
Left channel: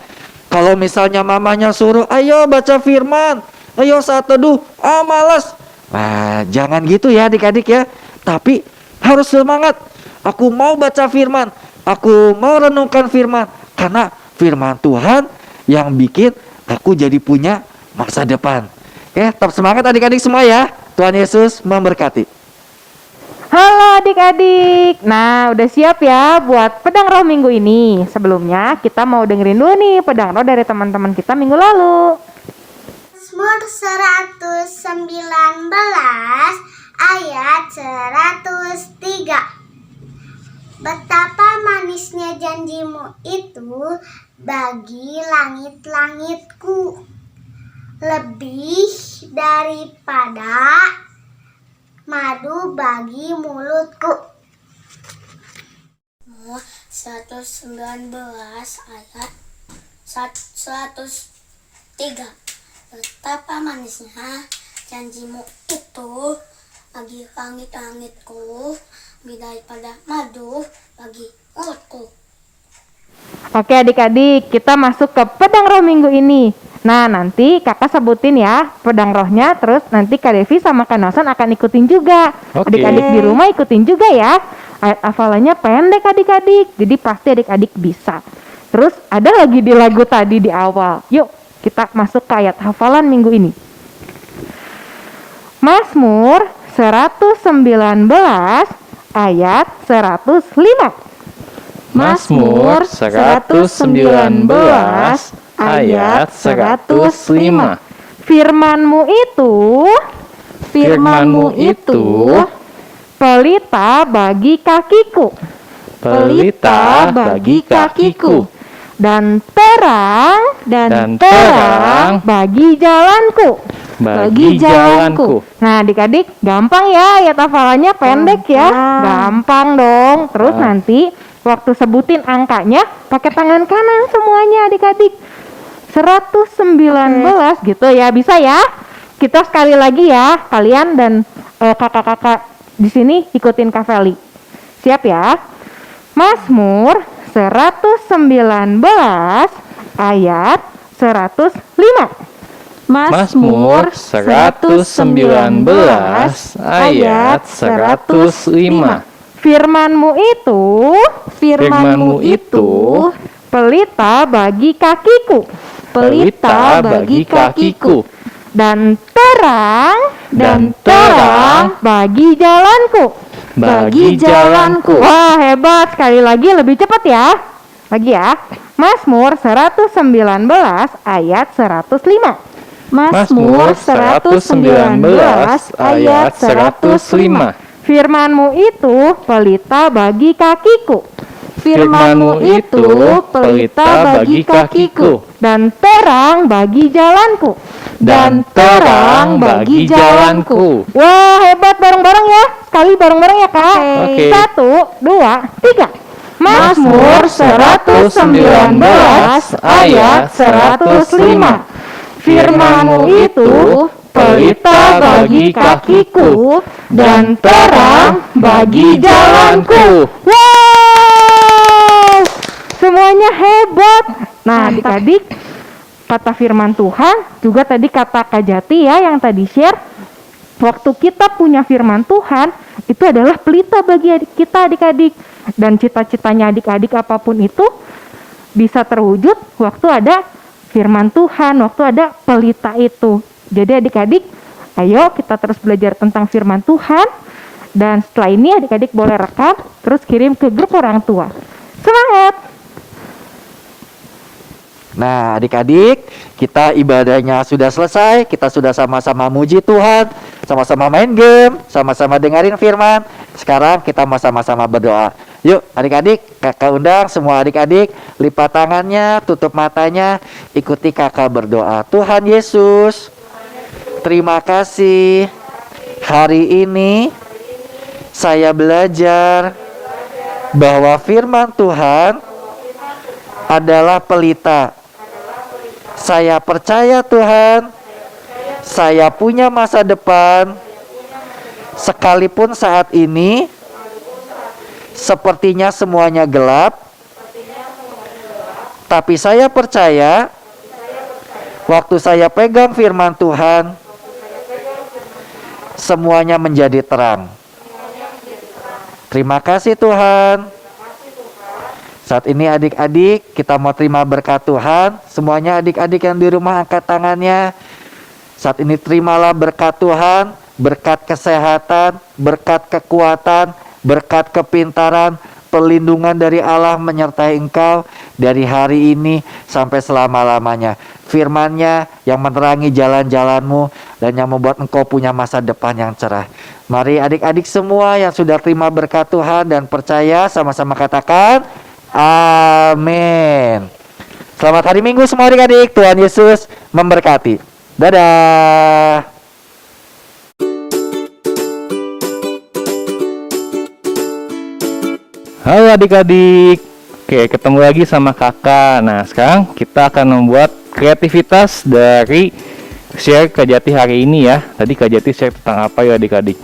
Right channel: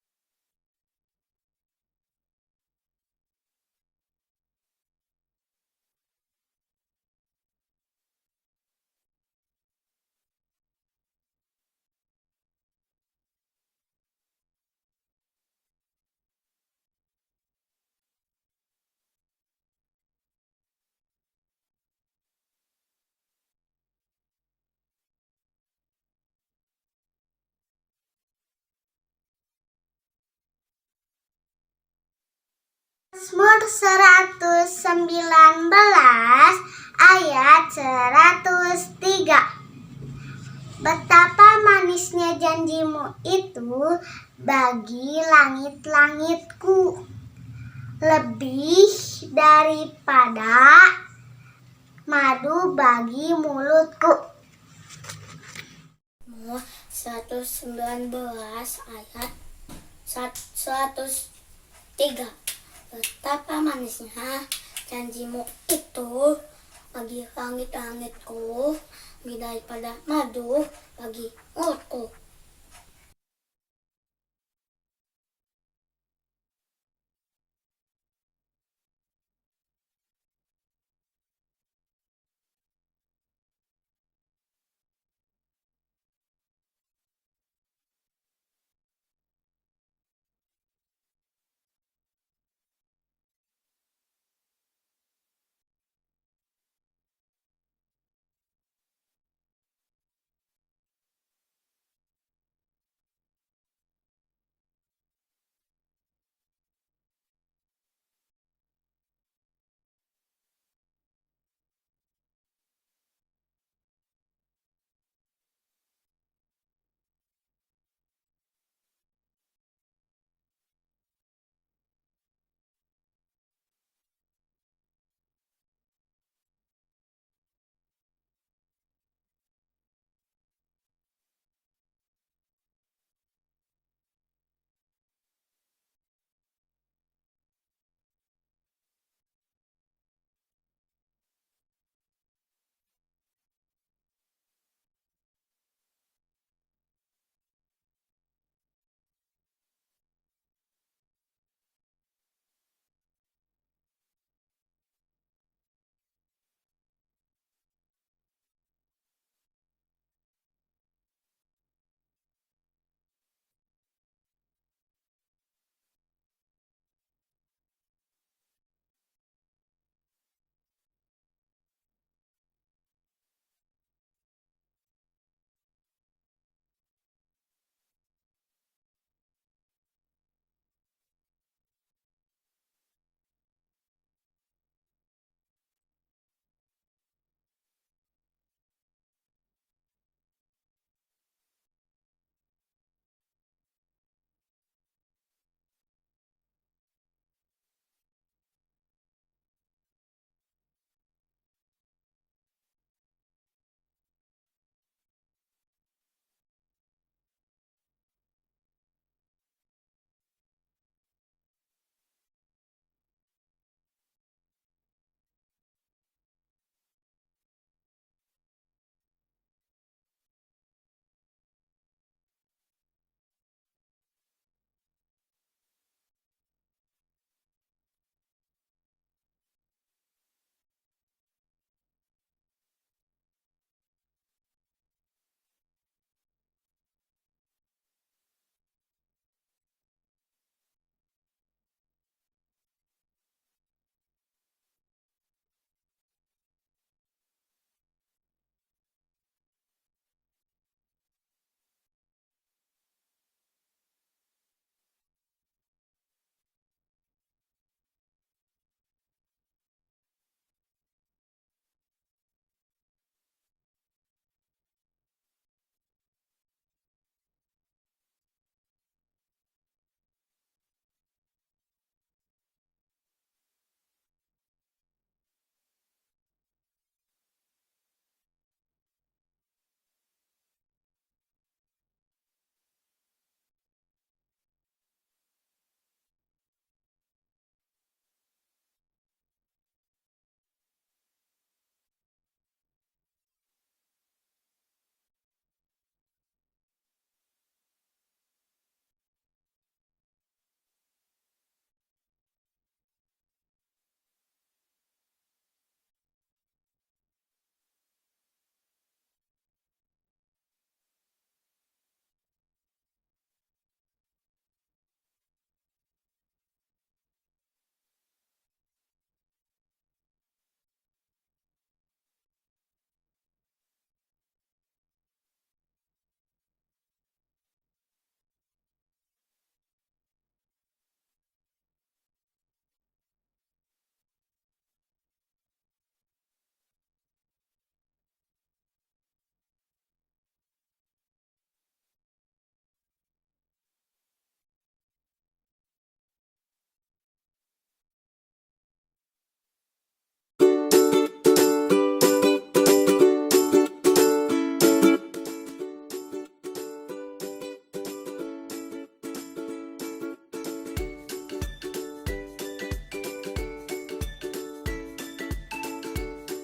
Kalau misalnya mamanya suruh, ayo baca firman, ayo saat teduh, malas. Nah, jangan gitu ya adik-adik ya. Tapi harus semangat. Aku mau baca firman, aku mau renungkan firman. Karena firman Tuhan yang bikin aku jadi punya masa depan. Tetap semangat adik-adik semua ya. Tuhan Yesus memberkati. Halo adik-adik. Nah, udah siap ya buat pedang roh minggu ini. Sebelumnya kita mau dengerin dulu nih pedang roh dari teman-teman kita minggu lalu. Mazmur 119 ayat 103. Betapa manisnya janjimu itu bagi langit-langitku, lebih daripada madu bagi mulutku. 119 ayat 103. Betapa manisnya janjimu itu bagi langit-langitku, lebih daripada madu bagi mulutku. Oke adik-adik, kita masuk ke pedang roh minggu ini. Nah, nanti kakak sebutin ya pedang rohnya, terus nanti Kak Devi sama Kak Nelson akan ikutin juga. Oke. Adik-adik di rumah ikutin juga ya. Ayat hafalannya pendek adik-adik, jadi pasti adik-adik bisa. Terus ada lagi di lagu tadi di awal. Yuk, kita masuk ke ayat hafalan minggu ini. Mazmur 119 ayat 105. Mazmur 119 ayat 105. Firman-Mu itu pelita bagi kakiku, Pelita bagi kakiku, dan terang bagi jalanku. bagi jalanku. Nah, adik-adik gampang ya ayat hafalannya, pendek ya. Gampang dong. Terus nanti waktu sebutin angkanya pakai tangan kanan semuanya adik-adik. 119 gitu ya, bisa ya. Kita sekali lagi ya, kalian dan kakak-kakak di sini ikutin Kak Feli. Siap ya? Mazmur 119 ayat 105. Mazmur 119 ayat 105. Firman-Mu itu pelita bagi kakiku, Pelita bagi kakiku, dan terang bagi jalanku. bagi jalanku. Wah, hebat. Sekali lagi lebih cepat ya. Lagi ya. Mazmur 119 ayat 105. Mazmur 119 ayat 105. Firman-Mu itu pelita bagi kakiku. Firman-Mu itu pelita bagi kakiku dan terang bagi jalanku. Dan terang bagi jalanku. Wah, hebat, bareng-bareng ya. Sekali bareng-bareng ya, Kak. Oke. 1, 2, 3. Mazmur 119 ayat 105. Firman-Mu itu pelita bagi kakiku dan terang bagi jalanku. Wow, semuanya hebat. Nah, adik-adik, kata firman Tuhan juga tadi kata Kak Jati ya yang tadi share. Waktu kita punya firman Tuhan itu adalah pelita bagi kita adik-adik. Dan cita-citanya adik-adik apapun itu bisa terwujud waktu ada firman Tuhan, waktu ada pelita itu. Jadi adik-adik, ayo kita terus belajar tentang firman Tuhan. Dan setelah ini adik-adik boleh rekam, terus kirim ke grup orang tua. Semangat! Nah, adik-adik, kita ibadahnya sudah selesai. Kita sudah sama-sama muji Tuhan, sama-sama main game, sama-sama dengerin firman. Sekarang kita mau sama-sama berdoa. Yuk, adik-adik, kakak undang semua adik-adik, lipat tangannya, tutup matanya, ikuti kakak berdoa. Tuhan Yesus, terima kasih. Hari ini saya belajar bahwa firman Tuhan adalah pelita. Saya percaya Tuhan, saya punya masa depan, sekalipun saat ini sepertinya semuanya gelap, tapi saya percaya waktu saya pegang firman Tuhan, semuanya menjadi terang. Terima kasih Tuhan. Saat ini adik-adik kita mau terima berkat Tuhan. Semuanya adik-adik yang di rumah angkat tangannya. Saat ini terimalah berkat Tuhan, berkat kesehatan, berkat kekuatan, berkat kepintaran, perlindungan dari Allah menyertai engkau dari hari ini sampai selama-lamanya. Firman-Nya yang menerangi jalan-jalanmu dan yang membuat engkau punya masa depan yang cerah. Mari adik-adik semua yang sudah terima berkat Tuhan dan percaya sama-sama katakan amin. Selamat hari Minggu semua adik-adik. Tuhan Yesus memberkati. Dadah. Halo adik-adik. Oke, ketemu lagi sama kakak. Nah, sekarang kita akan membuat kreativitas dari share Kak Jati hari ini ya. Tadi Kak Jati share tentang apa ya adik-adik?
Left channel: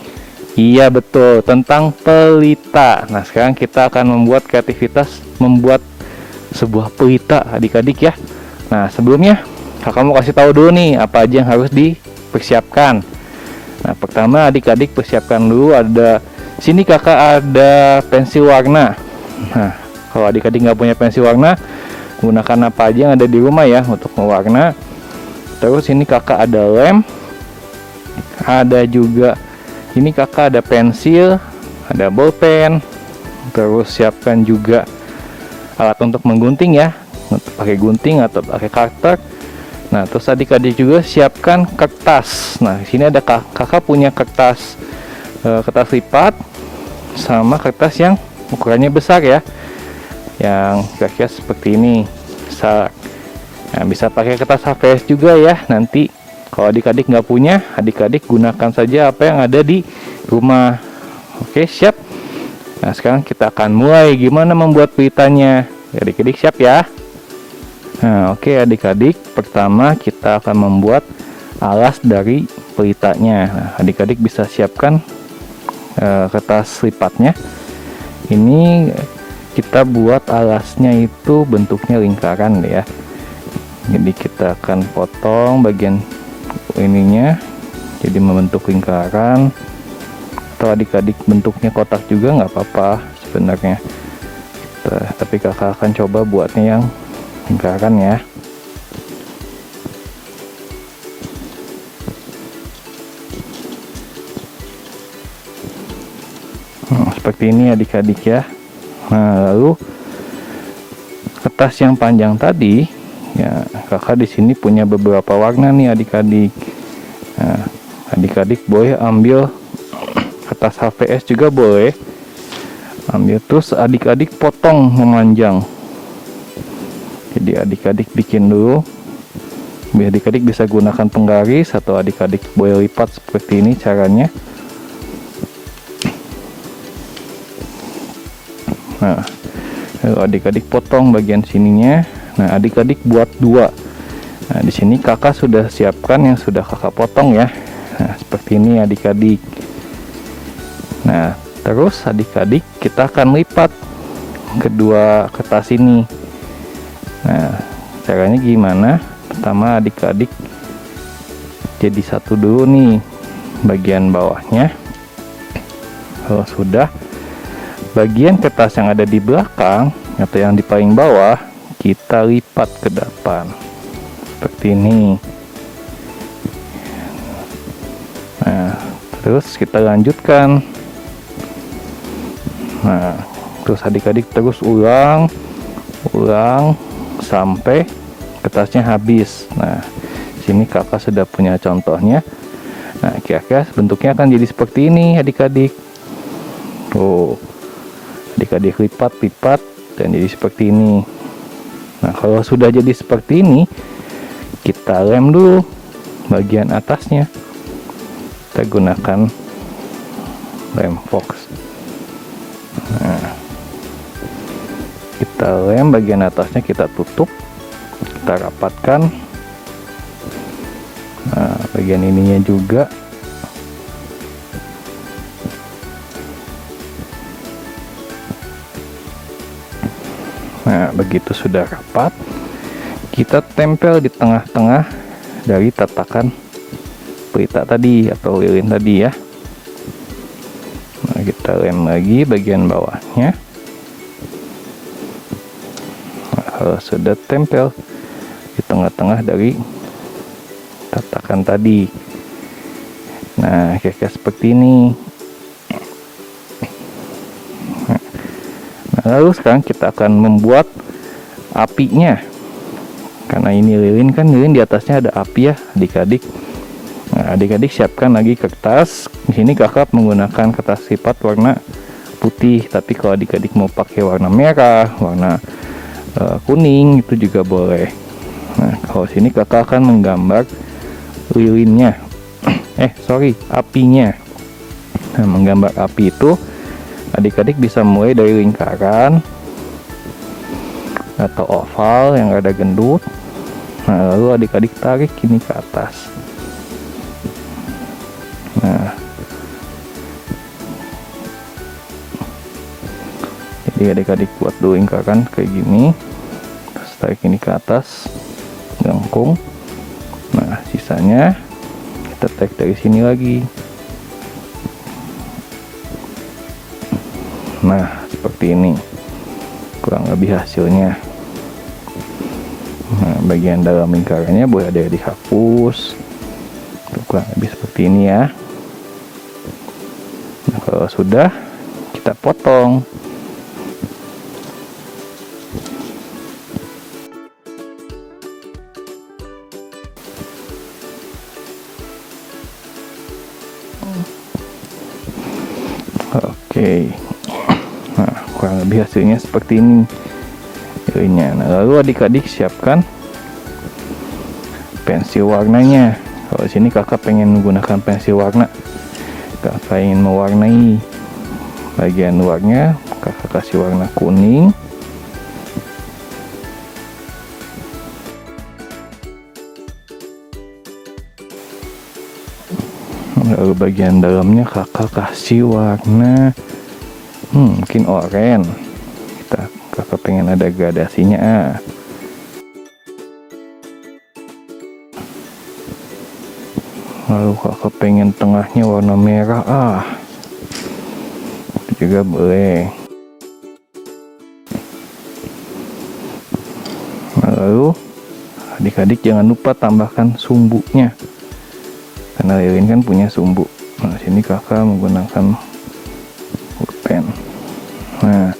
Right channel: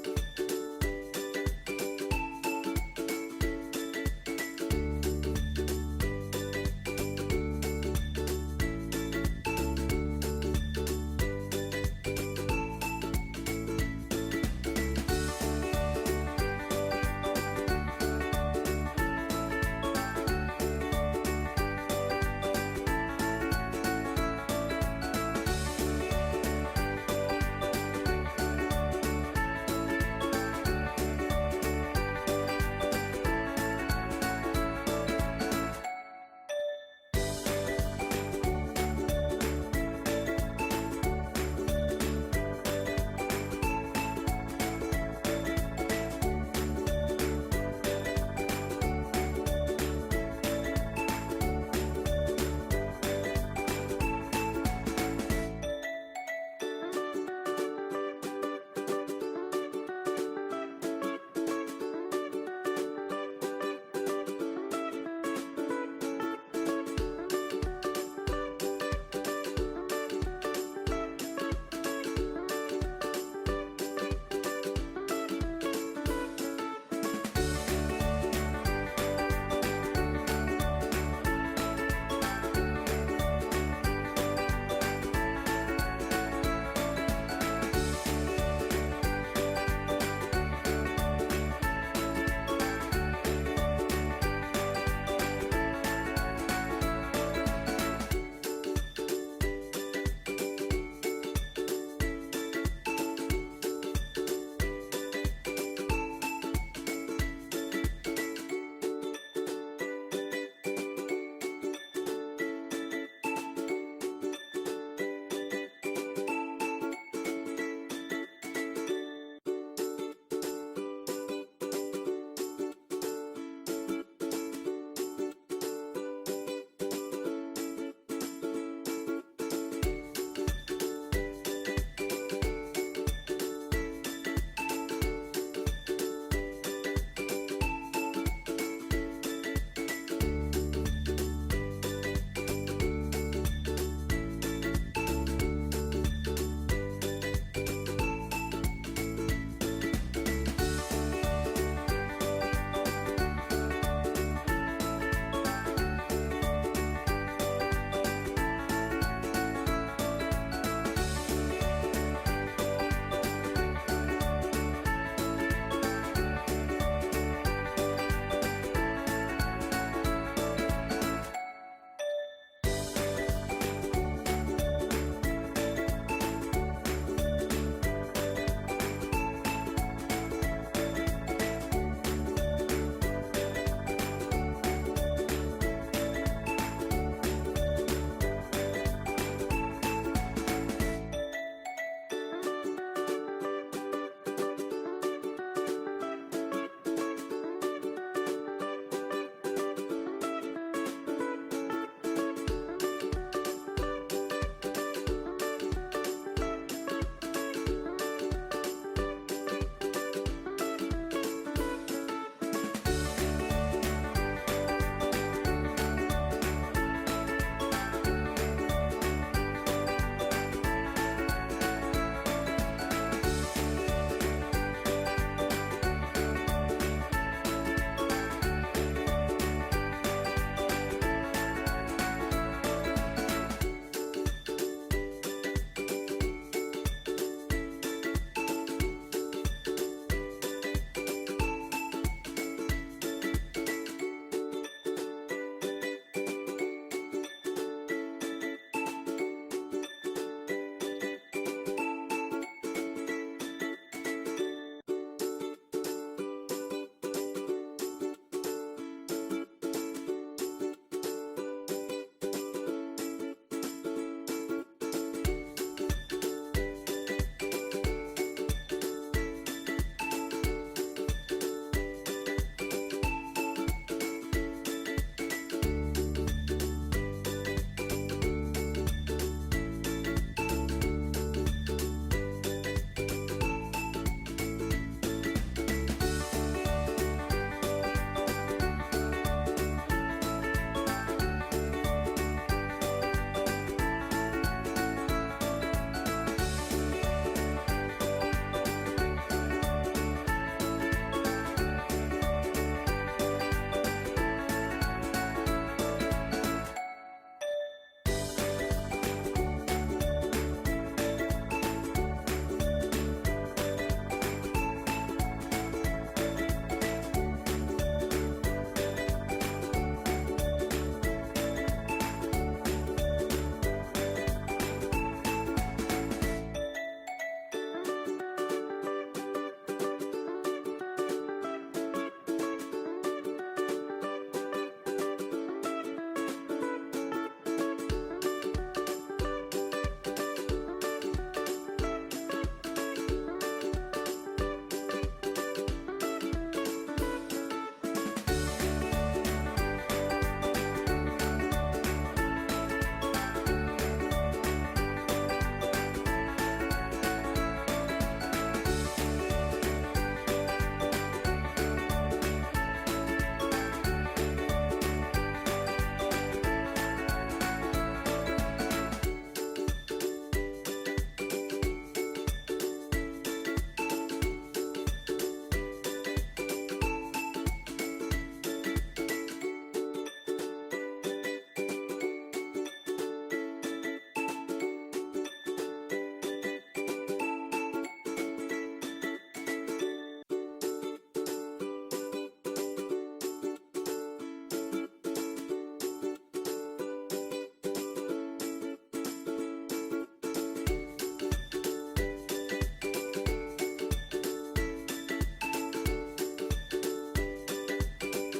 Iya betul, tentang pelita. Nah, sekarang kita akan membuat kreativitas membuat sebuah pelita adik-adik ya. Nah, sebelumnya kakak mau kasih tahu dulu nih apa aja yang harus dipersiapkan. Nah, pertama adik-adik persiapkan dulu, ada sini kakak ada pensil warna. Nah, kalau adik-adik nggak punya pensil warna, gunakan apa aja yang ada di rumah ya untuk mewarna. Terus ini kakak ada lem, ada juga ini kakak ada pensil, ada bolpen. Terus siapkan juga alat untuk menggunting ya, untuk pakai gunting atau pakai cutter. Nah, terus adik-adik juga siapkan kertas. Nah, di sini ada kakak punya kertas kertas lipat sama kertas yang ukurannya besar ya, yang kira-kira seperti ini. Bisa pakai kertas HVS juga ya. Nanti kalau adik-adik nggak punya, adik-adik gunakan saja apa yang ada di rumah. Oke, siap. Nah, sekarang kita akan mulai gimana membuat pelitanya. Adik-adik siap ya. Nah, oke adik-adik, pertama kita akan membuat alas dari pelitanya. Nah, adik-adik bisa siapkan kertas lipatnya. Ini kita buat alasnya itu bentuknya lingkaran ya. Jadi kita akan potong bagian ininya jadi membentuk lingkaran. Atau adik-adik bentuknya kotak juga nggak apa-apa sebenarnya. Tapi kakak akan coba buatnya yang lingkaran ya. Seperti ini adik-adik ya. Nah, lalu kertas yang panjang tadi ya, kakak di sini punya beberapa warna nih adik-adik. Nah, adik-adik boleh ambil kertas HVS juga boleh. Ambil terus adik-adik potong memanjang. Jadi adik-adik bikin dulu. Biar adik-adik bisa gunakan penggaris atau adik-adik boleh lipat seperti ini caranya. Nah, lalu adik-adik potong bagian sininya. Nah, adik-adik buat 2. Nah, di sini kakak sudah siapkan yang sudah kakak potong ya. Nah, seperti ini adik-adik. Nah, terus adik-adik kita akan lipat kedua kertas ini. Nah, caranya gimana? Pertama adik-adik jadi satu dulu nih bagian bawahnya. Kalau sudah, bagian kertas yang ada di belakang atau yang di paling bawah kita lipat ke depan seperti ini. Nah, terus kita lanjutkan. Nah, terus adik-adik terus ulang sampai kertasnya habis. Nah, sini kakak sudah punya contohnya. Nah, kira-kira bentuknya akan jadi seperti ini adik-adik. Tuh, adik-adik lipat dan jadi seperti ini. Nah, kalau sudah jadi seperti ini, kita lem dulu bagian atasnya. Kita gunakan lem fox. Nah, kita lem bagian atasnya, kita tutup, kita rapatkan. Nah, bagian ininya juga. Nah, begitu sudah rapat, kita tempel di tengah-tengah dari tatakan pelita tadi atau lilin tadi ya. Nah, kita lem lagi bagian bawahnya. Nah, kalau sudah tempel di tengah-tengah dari tatakan tadi, nah kira-kira seperti ini. Lalu sekarang kita akan membuat apinya. Karena ini lilin kan, lilin di atasnya ada api ya, adik-adik. Nah, adik-adik siapkan lagi kertas. Di sini kakak menggunakan kertas lipat warna putih, tapi kalau adik-adik mau pakai warna merah, warna kuning itu juga boleh. Nah, kalau sini kakak akan menggambar lilinnya. Apinya. Nah, menggambar api itu adik-adik bisa mulai dari lingkaran atau oval yang ada gendut. Nah, lalu adik-adik tarik ini ke atas. Nah, jadi adik-adik buat dulu lingkaran kayak gini, terus tarik ini ke atas, lengkung. Nah, sisanya kita tarik dari sini lagi. Nah, seperti ini kurang lebih hasilnya. Nah, bagian dalam lingkarannya boleh ada dihapus. Kurang lebih seperti ini ya. Nah, kalau sudah, kita potong. Oke. Nah, kurang lebih hasilnya seperti ini. Nah, lalu adik-adik siapkan pensil warnanya. Kalau di sini kakak pengen menggunakan pensil warna, kakak ingin mewarnai bagian luarnya, kakak kasih warna kuning. Lalu bagian dalamnya kakak kasih warna mungkin oranye. Kakak pengen ada gradasinya. Lalu kakak pengen tengahnya warna merah. Itu juga boleh. Lalu adik-adik jangan lupa tambahkan sumbunya, karena lilin kan punya sumbu. Nah, sini kakak menggunakan pulpen. Nah,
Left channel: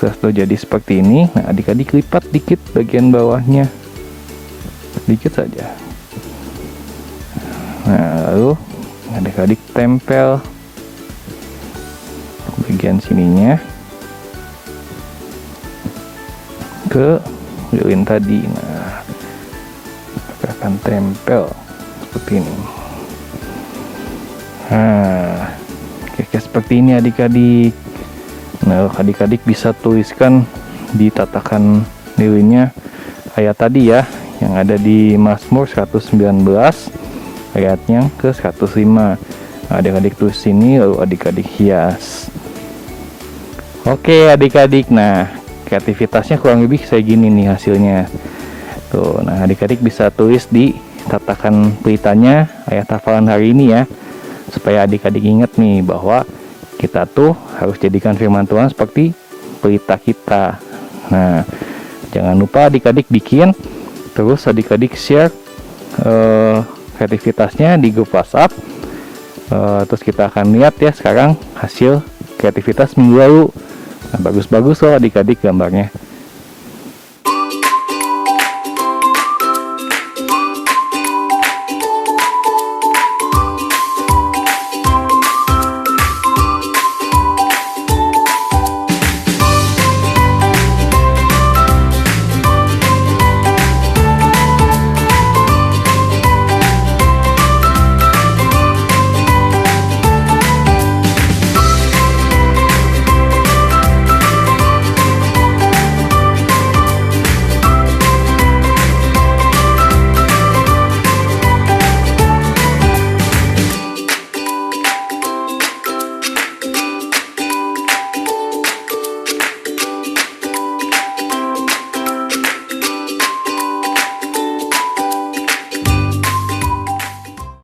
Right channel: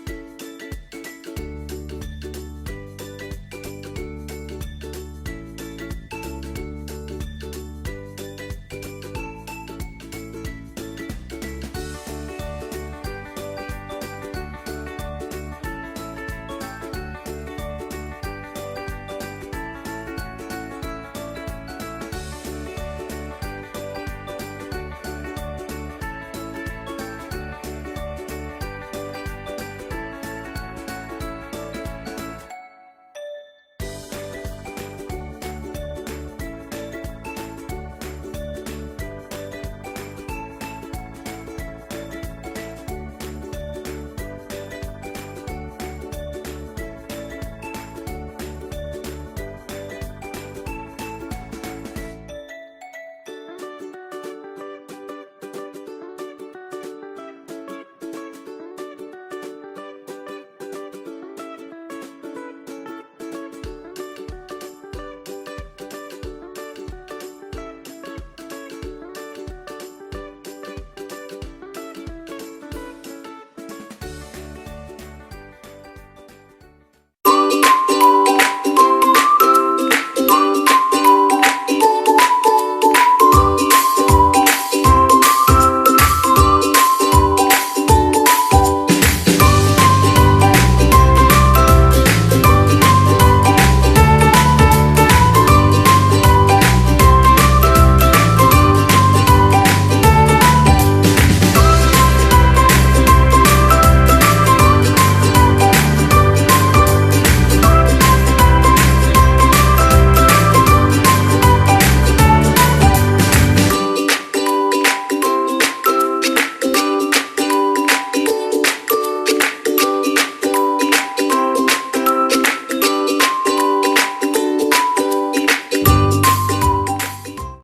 setelah jadi seperti ini, nah adik-adik lipat dikit bagian bawahnya, sedikit saja. Nah, lalu adik-adik tempel bagian sininya ke lilin tadi. Nah, kita akan tempel seperti ini. Nah, kira-kira seperti ini adik-adik. Nah, adik-adik bisa tuliskan di tatakan lilinnya ayat tadi ya, yang ada di Mazmur 119 ayatnya ke 105. Adik-adik tulis sini, lalu adik-adik hias. Oke adik-adik, nah kreativitasnya kurang lebih kayak gini nih hasilnya. Tuh, nah adik-adik bisa tulis di tatakan pelitanya ayat hafalan hari ini ya, supaya adik-adik ingat nih bahwa kita tuh harus jadikan firman Tuhan seperti pelita kita. Nah, jangan lupa adik-adik bikin, terus adik-adik share kreativitasnya di grup WhatsApp. Terus kita akan lihat ya sekarang hasil kreativitas minggu lalu. Nah, bagus-bagus loh adik-adik gambarnya.